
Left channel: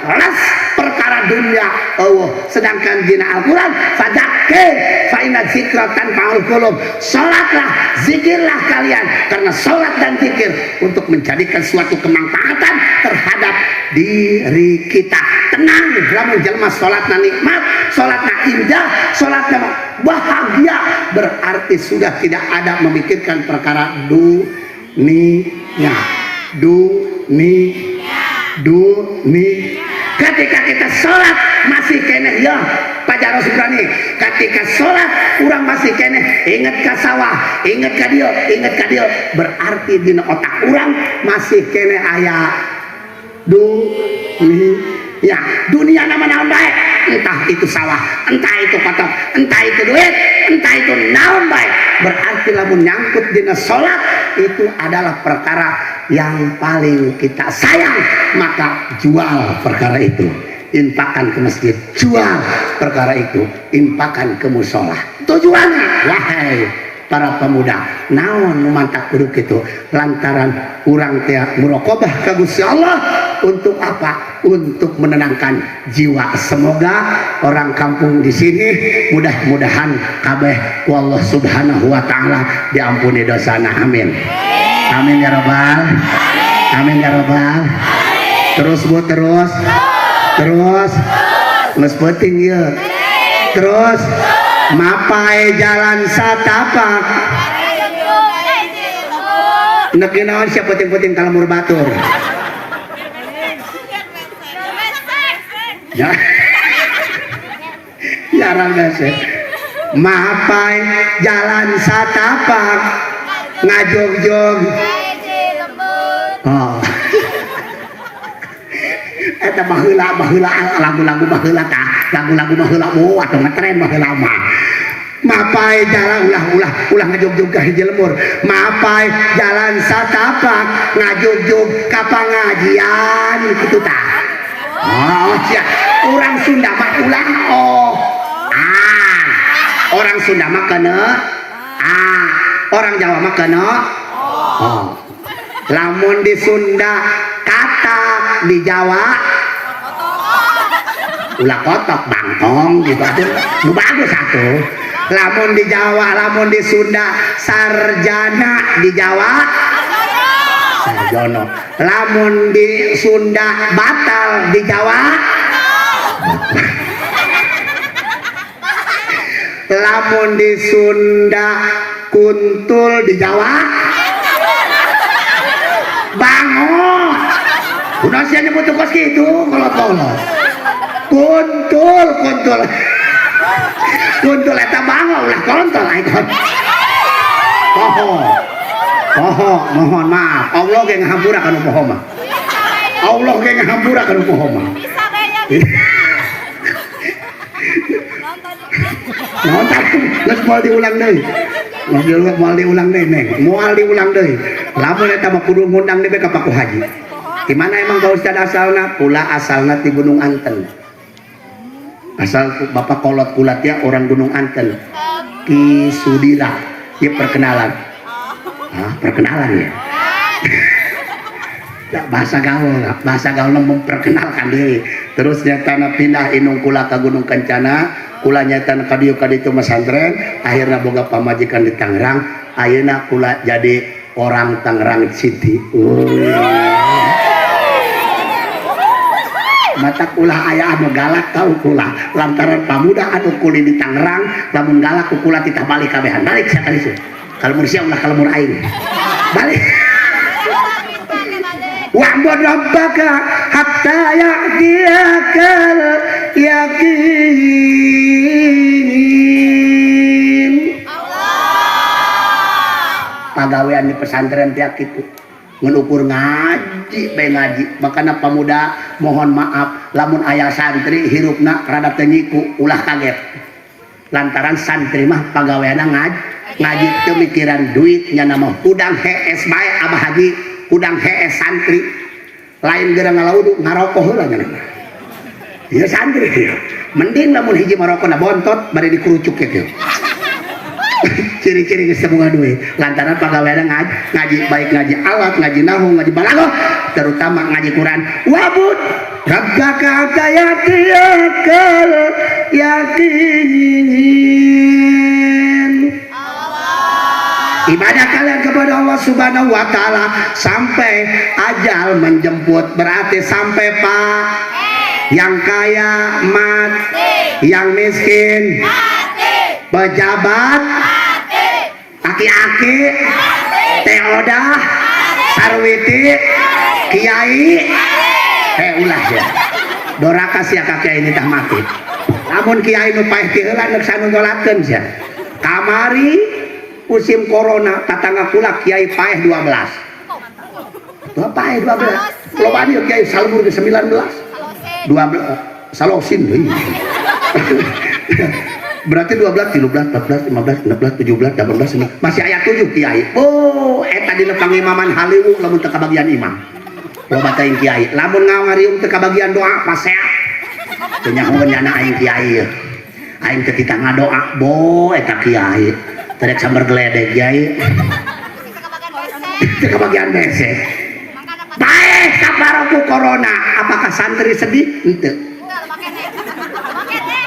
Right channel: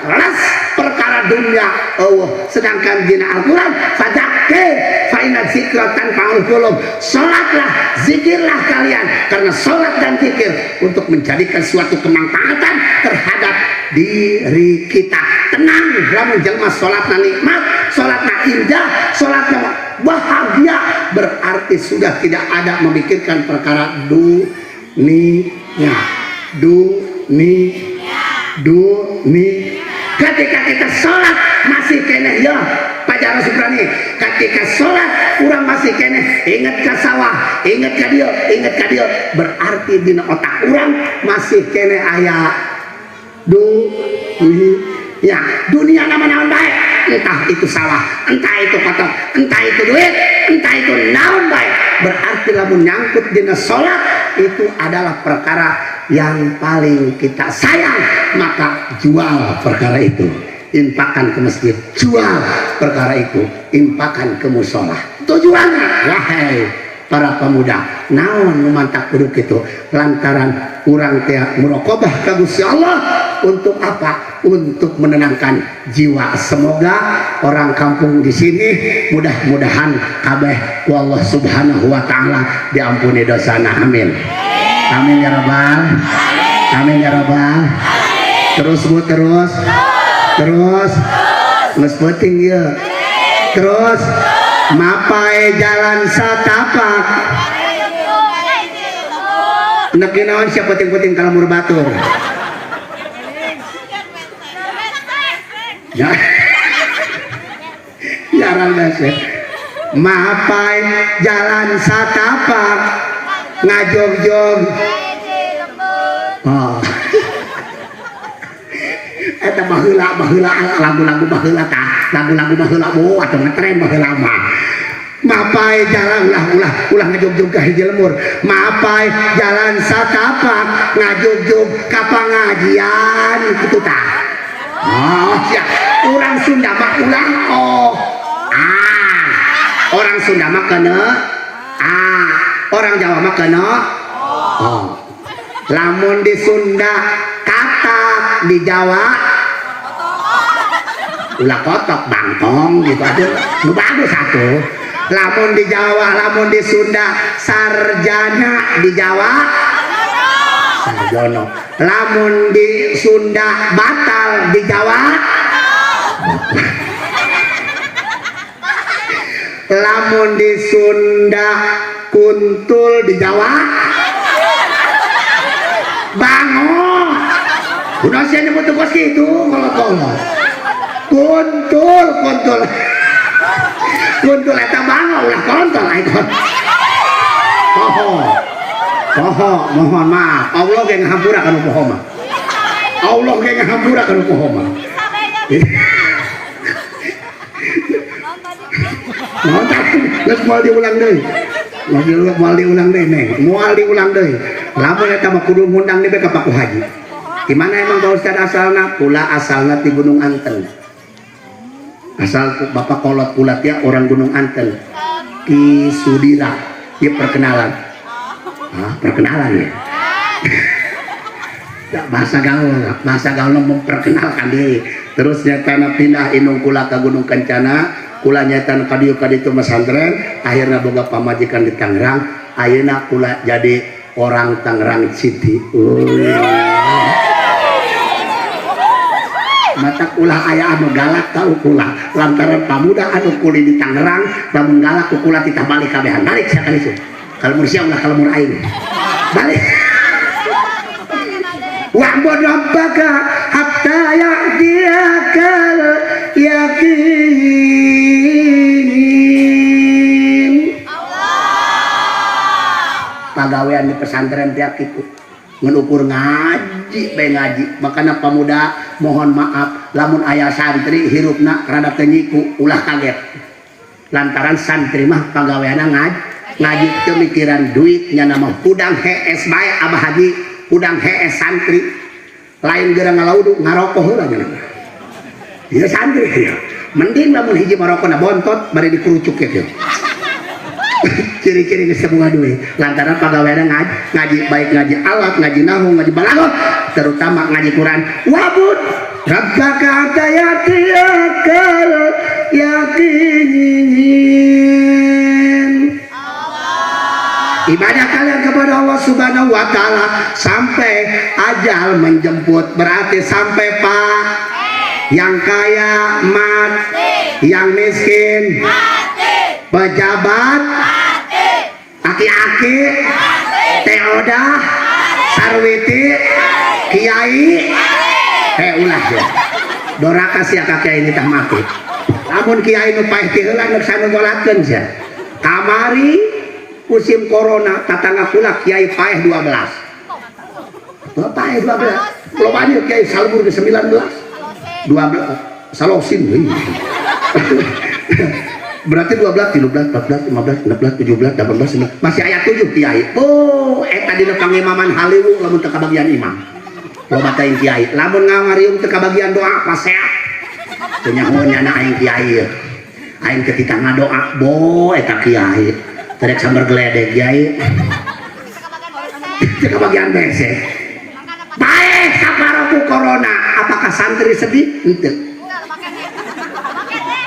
ras perkara dunia Allah sedangkan dina Al-Quran fadzakir fa inna dzikra tanfa'ul qulub sholatlah zikirlah kalian karena sholat dan zikir untuk menjadikan suatu kemanfaatan terhadap diri kita tenang lamun jelema sholatna nikmat sholatna indah sholatna bahagia berarti sudah tidak ada memikirkan perkara dunia ketika kita sholat masih kene ya Pak Jarod Subrani ketika sholat kurang masih kene ingat ke sawah ingat ke dia berarti di otak orang masih kene ayah dunia nama-nama baik entah itu sawah entah itu kotor entah itu duit entah itu naon baik berarti lamun nyangkut dina sholat itu adalah perkara yang paling kita sayang maka jual perkara itu infakkan ke masjid jual perkara itu infakkan ke musola tujuannya wahai para pemuda naon memantak duduk itu lantaran kurang teh muraqabah ka Gusti Allah untuk apa? Untuk menenangkan jiwa. Semoga orang kampung di sini mudah-mudahan kabeh ku Allah Subhanahu wa taala diampuni dosana. Amin. Amin ya rabbal. Amin ya rabbal. Terus Bu terus. Geus penting ye. Terus mapai jalan satapak. Nek naon sia penting-penting kalau mur batur. Ya, jarang dasar. Mapai jalan satapak ngajog-jog. Oh, eta baheula lagu-lagu baheula tah, lagu-lagu baheula atau ngetren baheula mah. Mapai jalan ulah ngajog-jog ka hiji lemur. Mapai jalan satapak ngajog-jog ka pangajian kitu tah. Oh ya, orang Sunda mah ulang orang Sunda mah kena orang Jawa mah kena lamun di Sunda kata di Jawa ulah kotok bangkong gitu aduh lu bagus satu lamun di Jawa lamun di Sunda sarjana di Jawa sarjono lamun di Sunda batal di Jawa lamun di Sunda kuntul di Jawa bangun udah saya nyebut kos gitu kolot-kolot kuntul kuntul eta bangun ulah kontol ikon mohon maaf Allah ge ngahampura kana poho mah Allah ge ngahampura kana poho mah nonton geus moal diulang deui moal diulang deui neng moal diulang deui lamun eta mah kudu ngundang deui ka Pak Haji di mana emang Pak Ustad asalna pula asalna ti Gunung Anten asal Bapak kolot kulat ya orang Gunung Anten Ki Sudira ya perkenalan perkenalan ya bahasa gaul memperkenalkan deh terus nyata pindah inung kula ke Gunung Kencana kula nyata kadieu itu pesantren akhirnya boga pamajikan di Tangerang ayeuna kula jadi orang Tangerang City mata kula aya anu galak tau kula lantaran pamuda anu kuli di Tangerang lamun galak ku kula titah balik kabehan balik sia kali sih kalau mursia ulah kalau mur aing balik wa'bud rabbaka hatta ya'tiyakal yaqin pagawean di pesantren tiap itu menukur ngaji makanya pemuda mohon maaf lamun ayah santri hirupna rada tenyiku ulah kaget lantaran santri mah pagaweana ngaji pemikiran duitnya nama udang hees bae abah haji udang hees santri lain gerang ngalaudu ngarokok heula nya ieu santri ya mending lamun hiji marokona bontot bari dikurucuk ya ciri-ciri geus semua duwe lantaran pagaweana ngaji baik ngaji alat ngaji nahu ngaji balaghah terutama ngaji Quran wabud rabbaka hatta ya'tiyakal yaqin ibadah kalian kepada Allah Subhanahu wa taala sampai ajal menjemput berarti sampai Pak yang kaya mati yang miskin pejabat aki-aki teodah sarwiti kiai ulah ya dora kasih kakek ini tak mati namun kiai nu paeh ti heula neuk sanu nyolakeun sia kamari musim corona tatangga kula kiai paeh 12 paeh 12 lobanya kiai salmur ke 19 12 salosin deui berarti 12, 13, 14, 15, 16, 17, 18, 19 masih ayat 7 kiai eta dina pangimaman haliwu lamun teu kabagian imam loba teh kiai lamun ngangariung teu kabagian doa paseak teu nyaho nyana aing kiai aing teh titah ngadoa eta kiai terek sambar geledek kiai teu kabagian bese bae saparoku corona apakah santri sedih henteu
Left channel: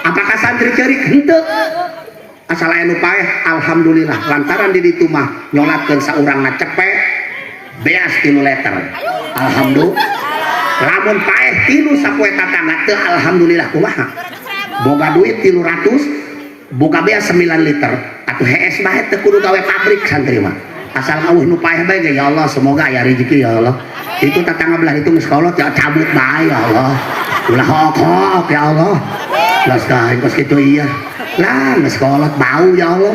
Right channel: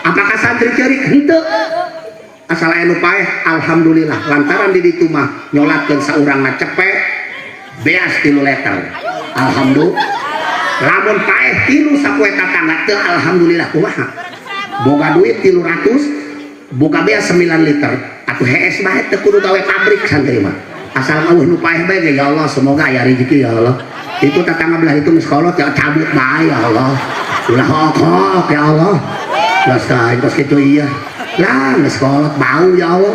apakah santri ceurik henteu asal aya nu paeh alhamdulillah lantaran di ditu mah nyolatkeun saurangna cepet beas 3 liter alhamdulillah lamun paeh tilu sapoe tatangga teu alhamdulillah kumaha boga duit 300 boga beas 9 liter atuh hees bae teu kudu gawe pabrik santri mah asal eueuh nu paeh bae ge ya Allah semoga aya rezeki ya Allah itu tatangga belah itu geus kolot ya cabut bae ya Allah ulah hok ya Allah las kain kos gitu iya lah geus kolot bau ya Allah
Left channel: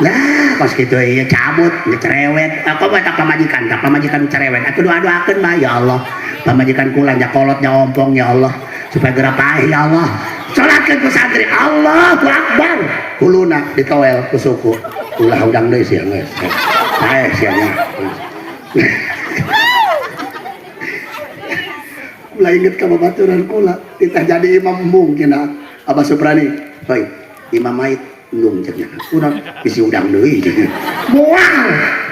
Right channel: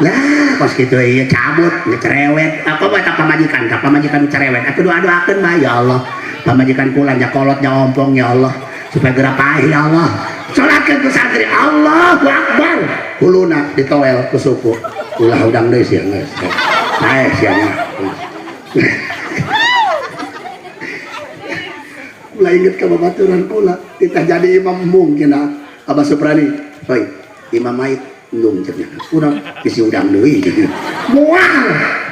lah kos gitu iya cabut cerewet apa bae tak pamajikan cerewet atuh doa-doakeun bae ya Allah pamajikan kula nya kolot nya ompong ya Allah supaya geura paeh ya Allah salatkeun ku santri Allahu Akbar kuluna ditowel ku suku ulah udang deui sia geus paeh sia nya ulah inget ka babaturan kula kita jadi imam mungkin Abah Suprani, hoi, imam mait ndung cenah. Urang isi udang deui. Moal.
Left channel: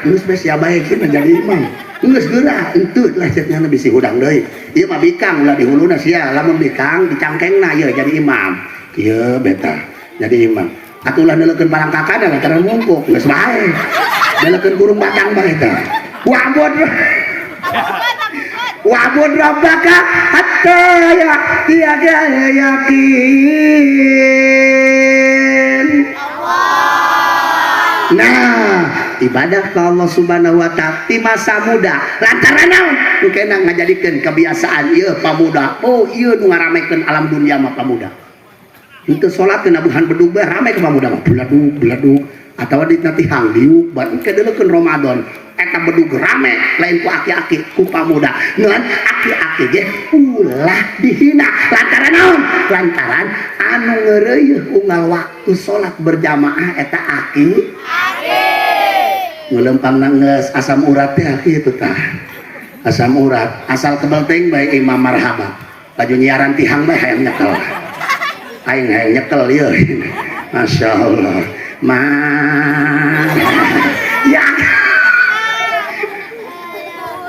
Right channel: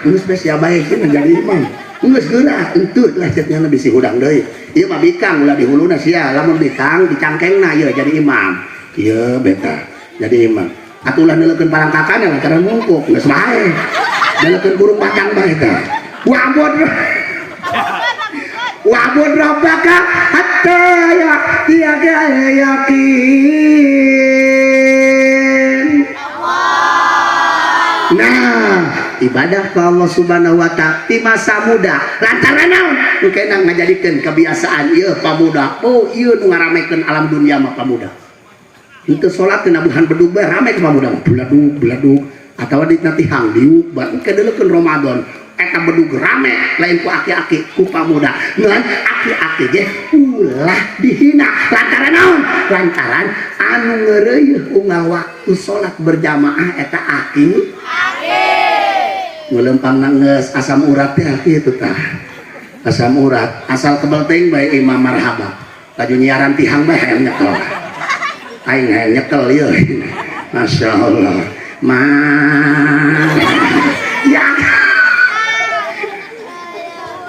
Geus bes ya bae cenah jadi imam. Geus geuna entut lah cenah bisi udang deui. Ieu mah bikang ulah di huluna sia, lamun bikang dicangkengna ieu jadi imam. Ieu beta jadi imam. Atuh ulah neulekeun barang kakana lantaran mungkuk geus bae. Neulekeun burung batang bae teh. Wabod. Wa'bud rabbaka hatta ya'tiyaka yakin. Nah, ibadah ke Allah Subhanahu wa Ta'ala di masa muda lantaran naon kena ngajadikeun kebiasaan ieu pamuda. Oh ieu nu ngaramekeun alam dunia mah pamuda. Henteu salat teu nabuhan bedug bae rame ku pamuda beladug atawa di tihang diuk bae kedeuleukeun Ramadan eta bedug rame lain ku aki-aki ku pamuda. Ngan aki-aki ge ulah dihina lantaran naon? Lantaran anu ngeureuyeuh unggal waktu salat berjamaah eta aki ngelempang nangis asam urat teh kitu tah. Asam urat asal kebal teuing bae Imam Marhaba. Baju nyiaran tihang bae hayang nyekel. Aing hayang nyekel ieu. Masyaallah. Ya.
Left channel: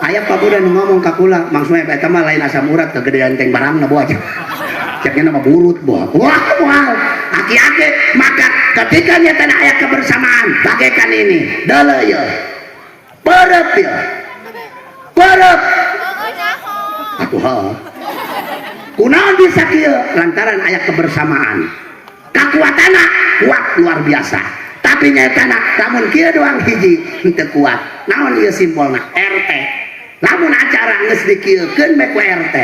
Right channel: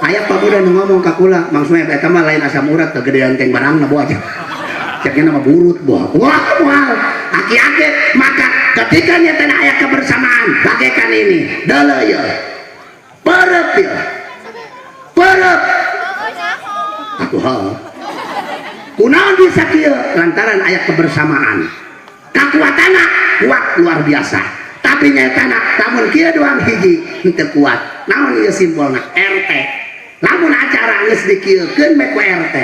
Aya pabuda nu ngomong ka kula, maksudna eta mah lain asam urat kegedean teng barangna boa aja. Ceknya nama burut boa. Wah, aki-aki maka ketika nyata ayat kebersamaan bagaikan ini dala ya perep ya perep aku hal kunaon bisa kieu lantaran ayat kebersamaan kekuatanna kuat luar biasa tapi nyatana lamun kieu doang hiji henteu kuat naon ieu simbolna RT lamun acara geus dikieukeun bae ku RT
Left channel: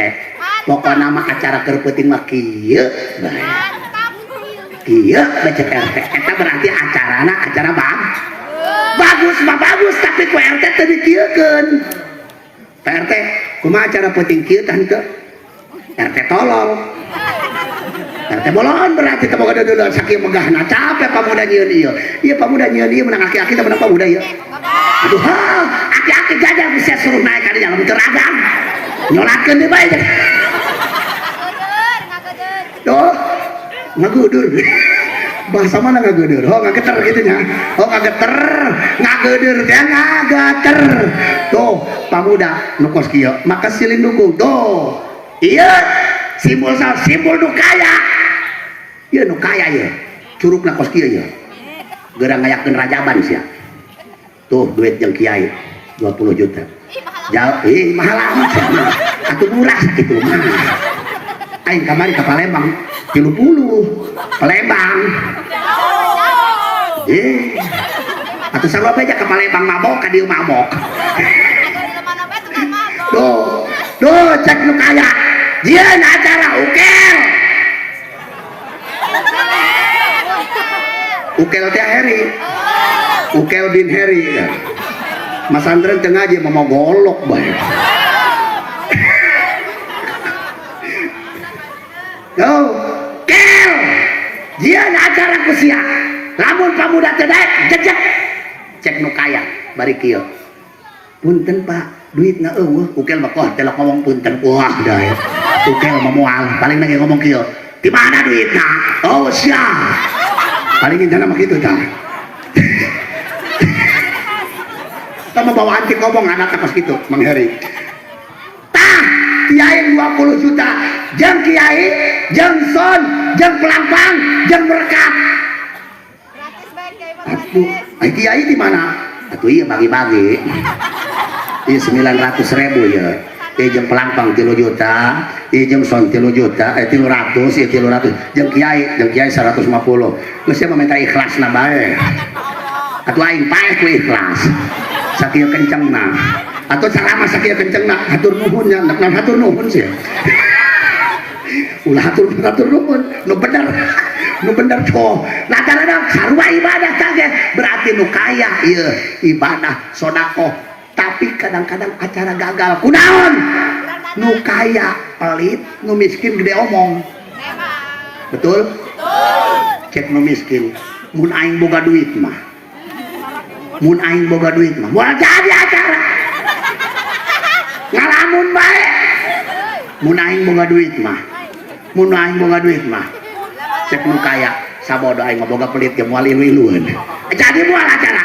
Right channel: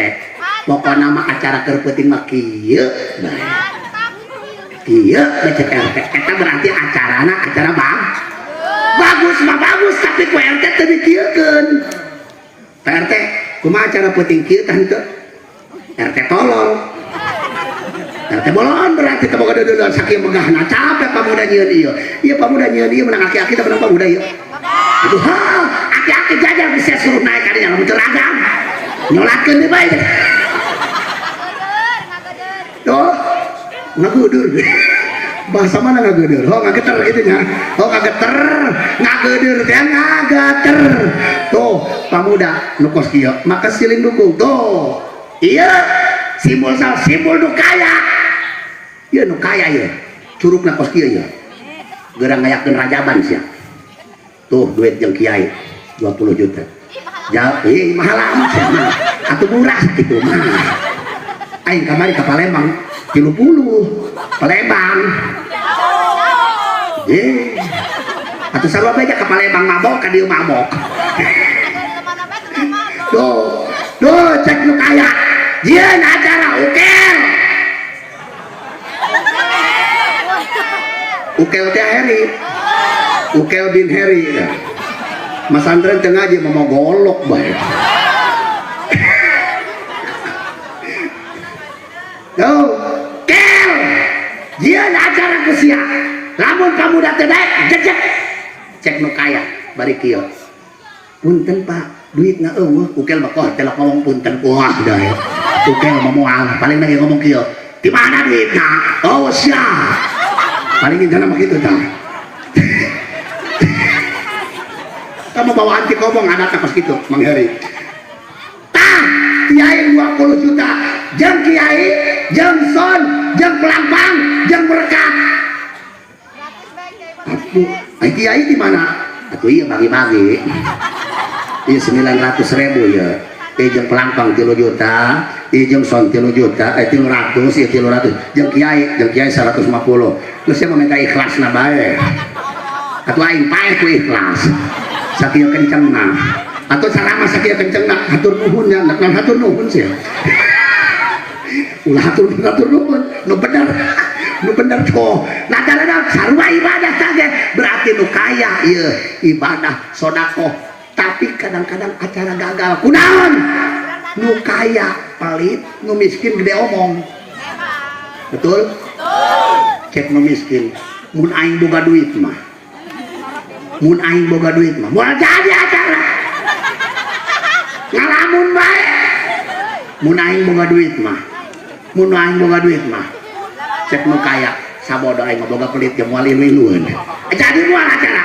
pokona mah acara keur peuting mah kieu bae. Iya, becek RT. Eta berarti acarana acara bang. Bagus mah bagus, tapi ku RT teu dikieukeun. Pak RT, kumaha acara peuting kieu tah henteu? RT tolol. RT bolon berarti teu boga deudeun saking megahna capek pamuda nyieun ieu. Ieu pamuda nyieun ieu menang aki-aki teh menang pamuda ieu. Aduh, aki-aki jajah bisa suruh naik ka dinya lamun teu ragam. Nyolakeun deui bae. Tuh. Ngagudur bahasa mana ngagudur? Oh ngageter itu nya. Oh ngageter, ngagudur teh ngageter. Tuh pamuda nu kos kieu maka silin dukung tuh. Iya simbol nu kaya. Ieu nu kaya ieu. Curugna kos kieu ieu. Geurang ngayakeun rajaban sia. Tuh duit jeung kiai 20 juta. Jauh mahal amat ya mah. Atuh murah kitu mah. Aing kamari ka Palembang 30 Palembang atau sama aja ke Palembang mabok ka dieu mabok Duh cek nu kaya jieun acara ukel teh Heri ukel bin Heri Mas Andren teu ngaji mau golok bae. Dia acara kusia lamun pamuda teh jejek cek nu kaya bari kieu punten Pak duitna eueuh ukel mah kok telah ngomong punten wah dah ya ukel mah moal paling lagi ngomong kieu di mana duitna oh sia paling indahna mah kitu tah sama bawa anti ngomong anak pas kitu Mang Heri tah kiai 20 juta jeung kiai jeung son jeung pelampang jeung berkat aduh kiai di mana atuh ieu bagi-bagi ieu 900.000 ya ieu jeung pelampang 3 juta ieu jeung son 3 juta 300 ieu 300 jeung kiai 150 geus sia minta ikhlasna bae atuh aing paeh ku ikhlas sakieu kencengna atuh salama sakieu kencengna hatur nuhun nya naon hatur nuhun sih ulah hatur nuhun nu bener tuh nah kadang sarua ibadah tage berarti nu kaya ieu ibadah sedekah tapi kadang-kadang acara gagal kunaon nu kaya pelit nu miskin gede omong betul cek nu miskin mun aing boga duit mah moal jadi acara ngalamun bae mun aing boga duit mah cek nu kaya sabodo aing boga pelit ge moal ilueun jadi moal acara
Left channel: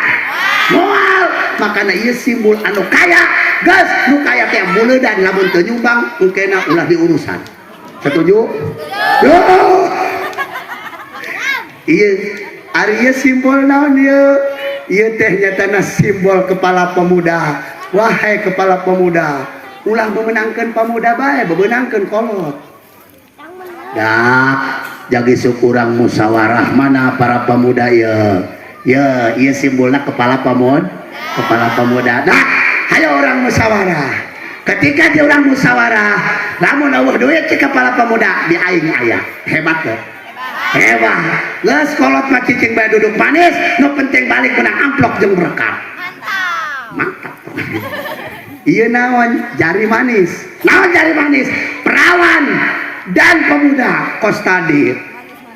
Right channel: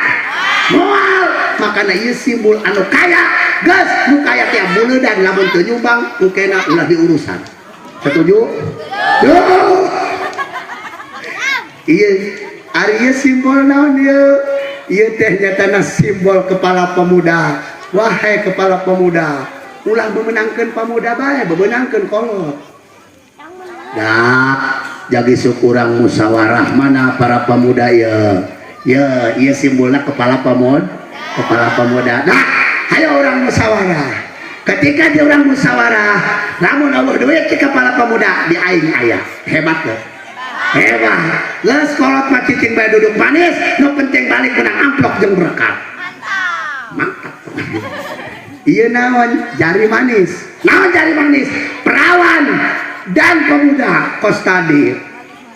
moal makana ieu simbol anu kaya geus nu kaya teh muleudan lamun teu nyumbang ukena ulah diurusan setuju ieu ari ieu simbol naon ieu teh nyatana simbol kepala pemuda wahai kepala pemuda, ulah memenangkan pemuda bae, memenangkan kolot. Dah, jadi syukurang musyawarah mana para pemuda ya. Ya, iya simbolnya kepala pemuda. Nah, ayo orang musyawarah. Ketika dia orang musyawarah, namun Allah duit ke kepala pemuda di aing ayah. Hebat ya. Hebat. Les kolot mah cicing bae duduk manis, nu penting balik menang amplop jeung berkat. Mantap. Iya naon jari manis. Naon jari manis? Perawan dan pemuda kos tadi.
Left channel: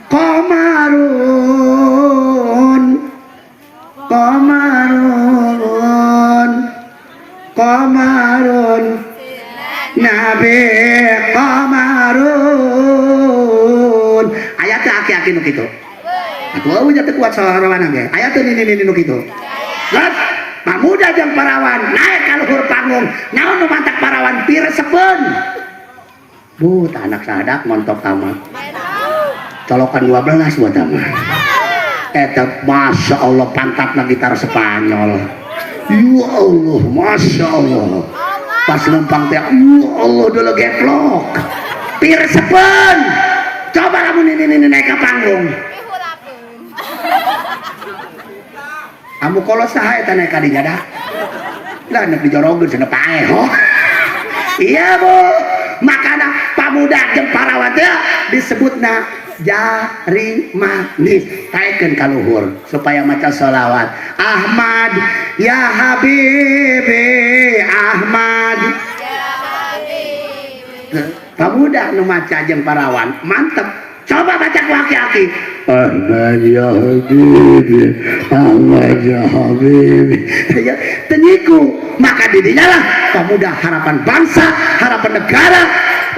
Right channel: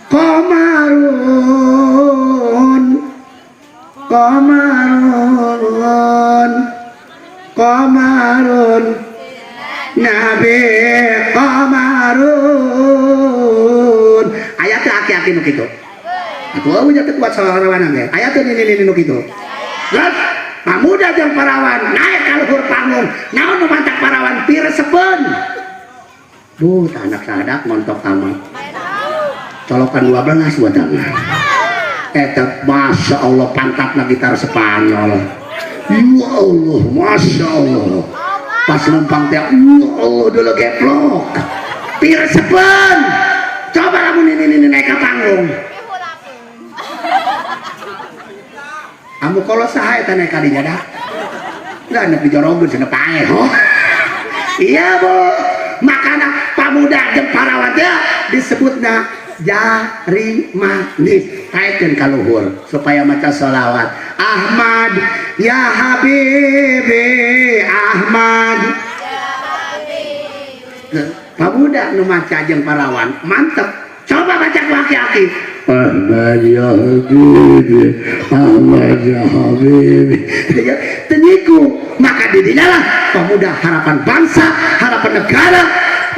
Komarun Nabi Komarun ayatnya aki-aki nu kitu. Aku aja teu kuat sarawana ge. Ayatnya ini nu kitu. Gat pamuda jeung parawan naik ka luhur panggung. Naon nu mantak parawan piresepeun. Duh, anak sadak montok tamat. Colokan 12 buat tamat. Eta masya Allah pantatna gitar Spanyol. Ya Allah, masya Allah. Pas lempang teh, ya Allah dulu geplok. Piresepeun. Coba kamu ini naik ke panggung. Kamu kalau saha eta naik kadinya dah. Lah nek dijorogeun cenah pae ho. Iya Bu. Makana pamuda jeung parawan teh disebutna jari manis. Taikeun ka luhur supaya maca sholawat. Ahmad ya Habibi Ahmad. Pamuda nu maca jeung parawan mantep. Coba baca ku aki-aki. Ahmad ya Habibi Ahmad ya Habibi. Teniku maka didinya lah pemuda harapan bangsa, harapan negara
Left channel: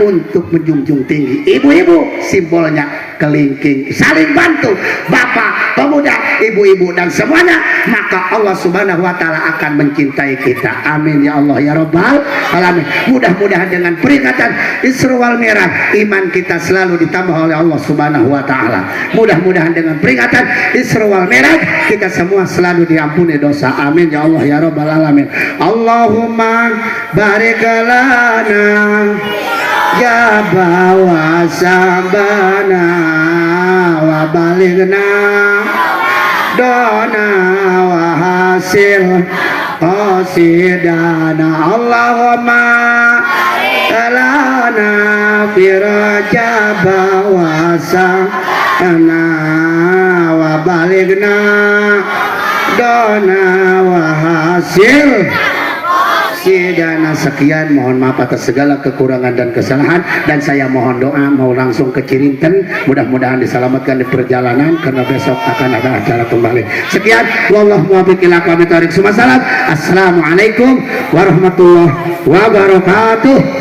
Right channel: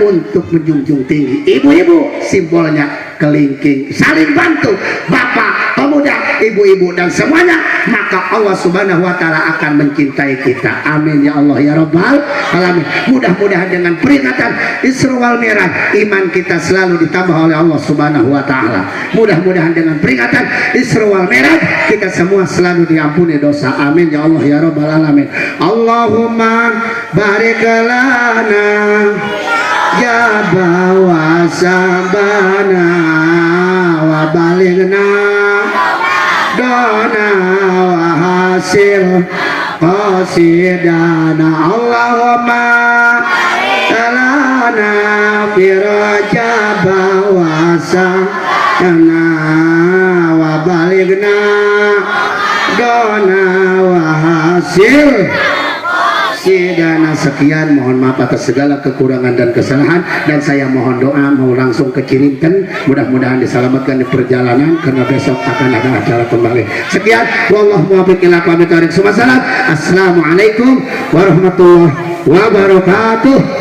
untuk menjunjung tinggi. Ibu-ibu simbolnya kelingking, saling bantu. Bapak, pemuda, ibu-ibu dan semuanya, maka Allah Subhanahu wa taala akan mencintai kita. Amin ya Allah ya Rabbal alamin. Mudah-mudahan dengan peringatan Isra wal Mi'raj iman kita selalu ditambah oleh Allah Subhanahu wa taala. Mudah-mudahan dengan peringatan Isra wal Mi'raj kita semua selalu diampuni dosa. Amin ya Allah ya Rabbal alamin. Allahumma barik lana ya bawa sabana wa baligna dona wa hasil qasidana. Allahumma kalana firaja bawa sabana wa baligna dona wa hasil sidana. Sekian, mohon maaf atas segala kekurangan dan kesalahan, dan saya mohon doa mau langsung ke Cirinten, mudah-mudahan diselamatkan di perjalanan karena besok akan ada acara kembali. Sekian, wallahu muwaffiq ila aqwamit thoriq. Assalamualaikum warahmatullahi wabarakatuh.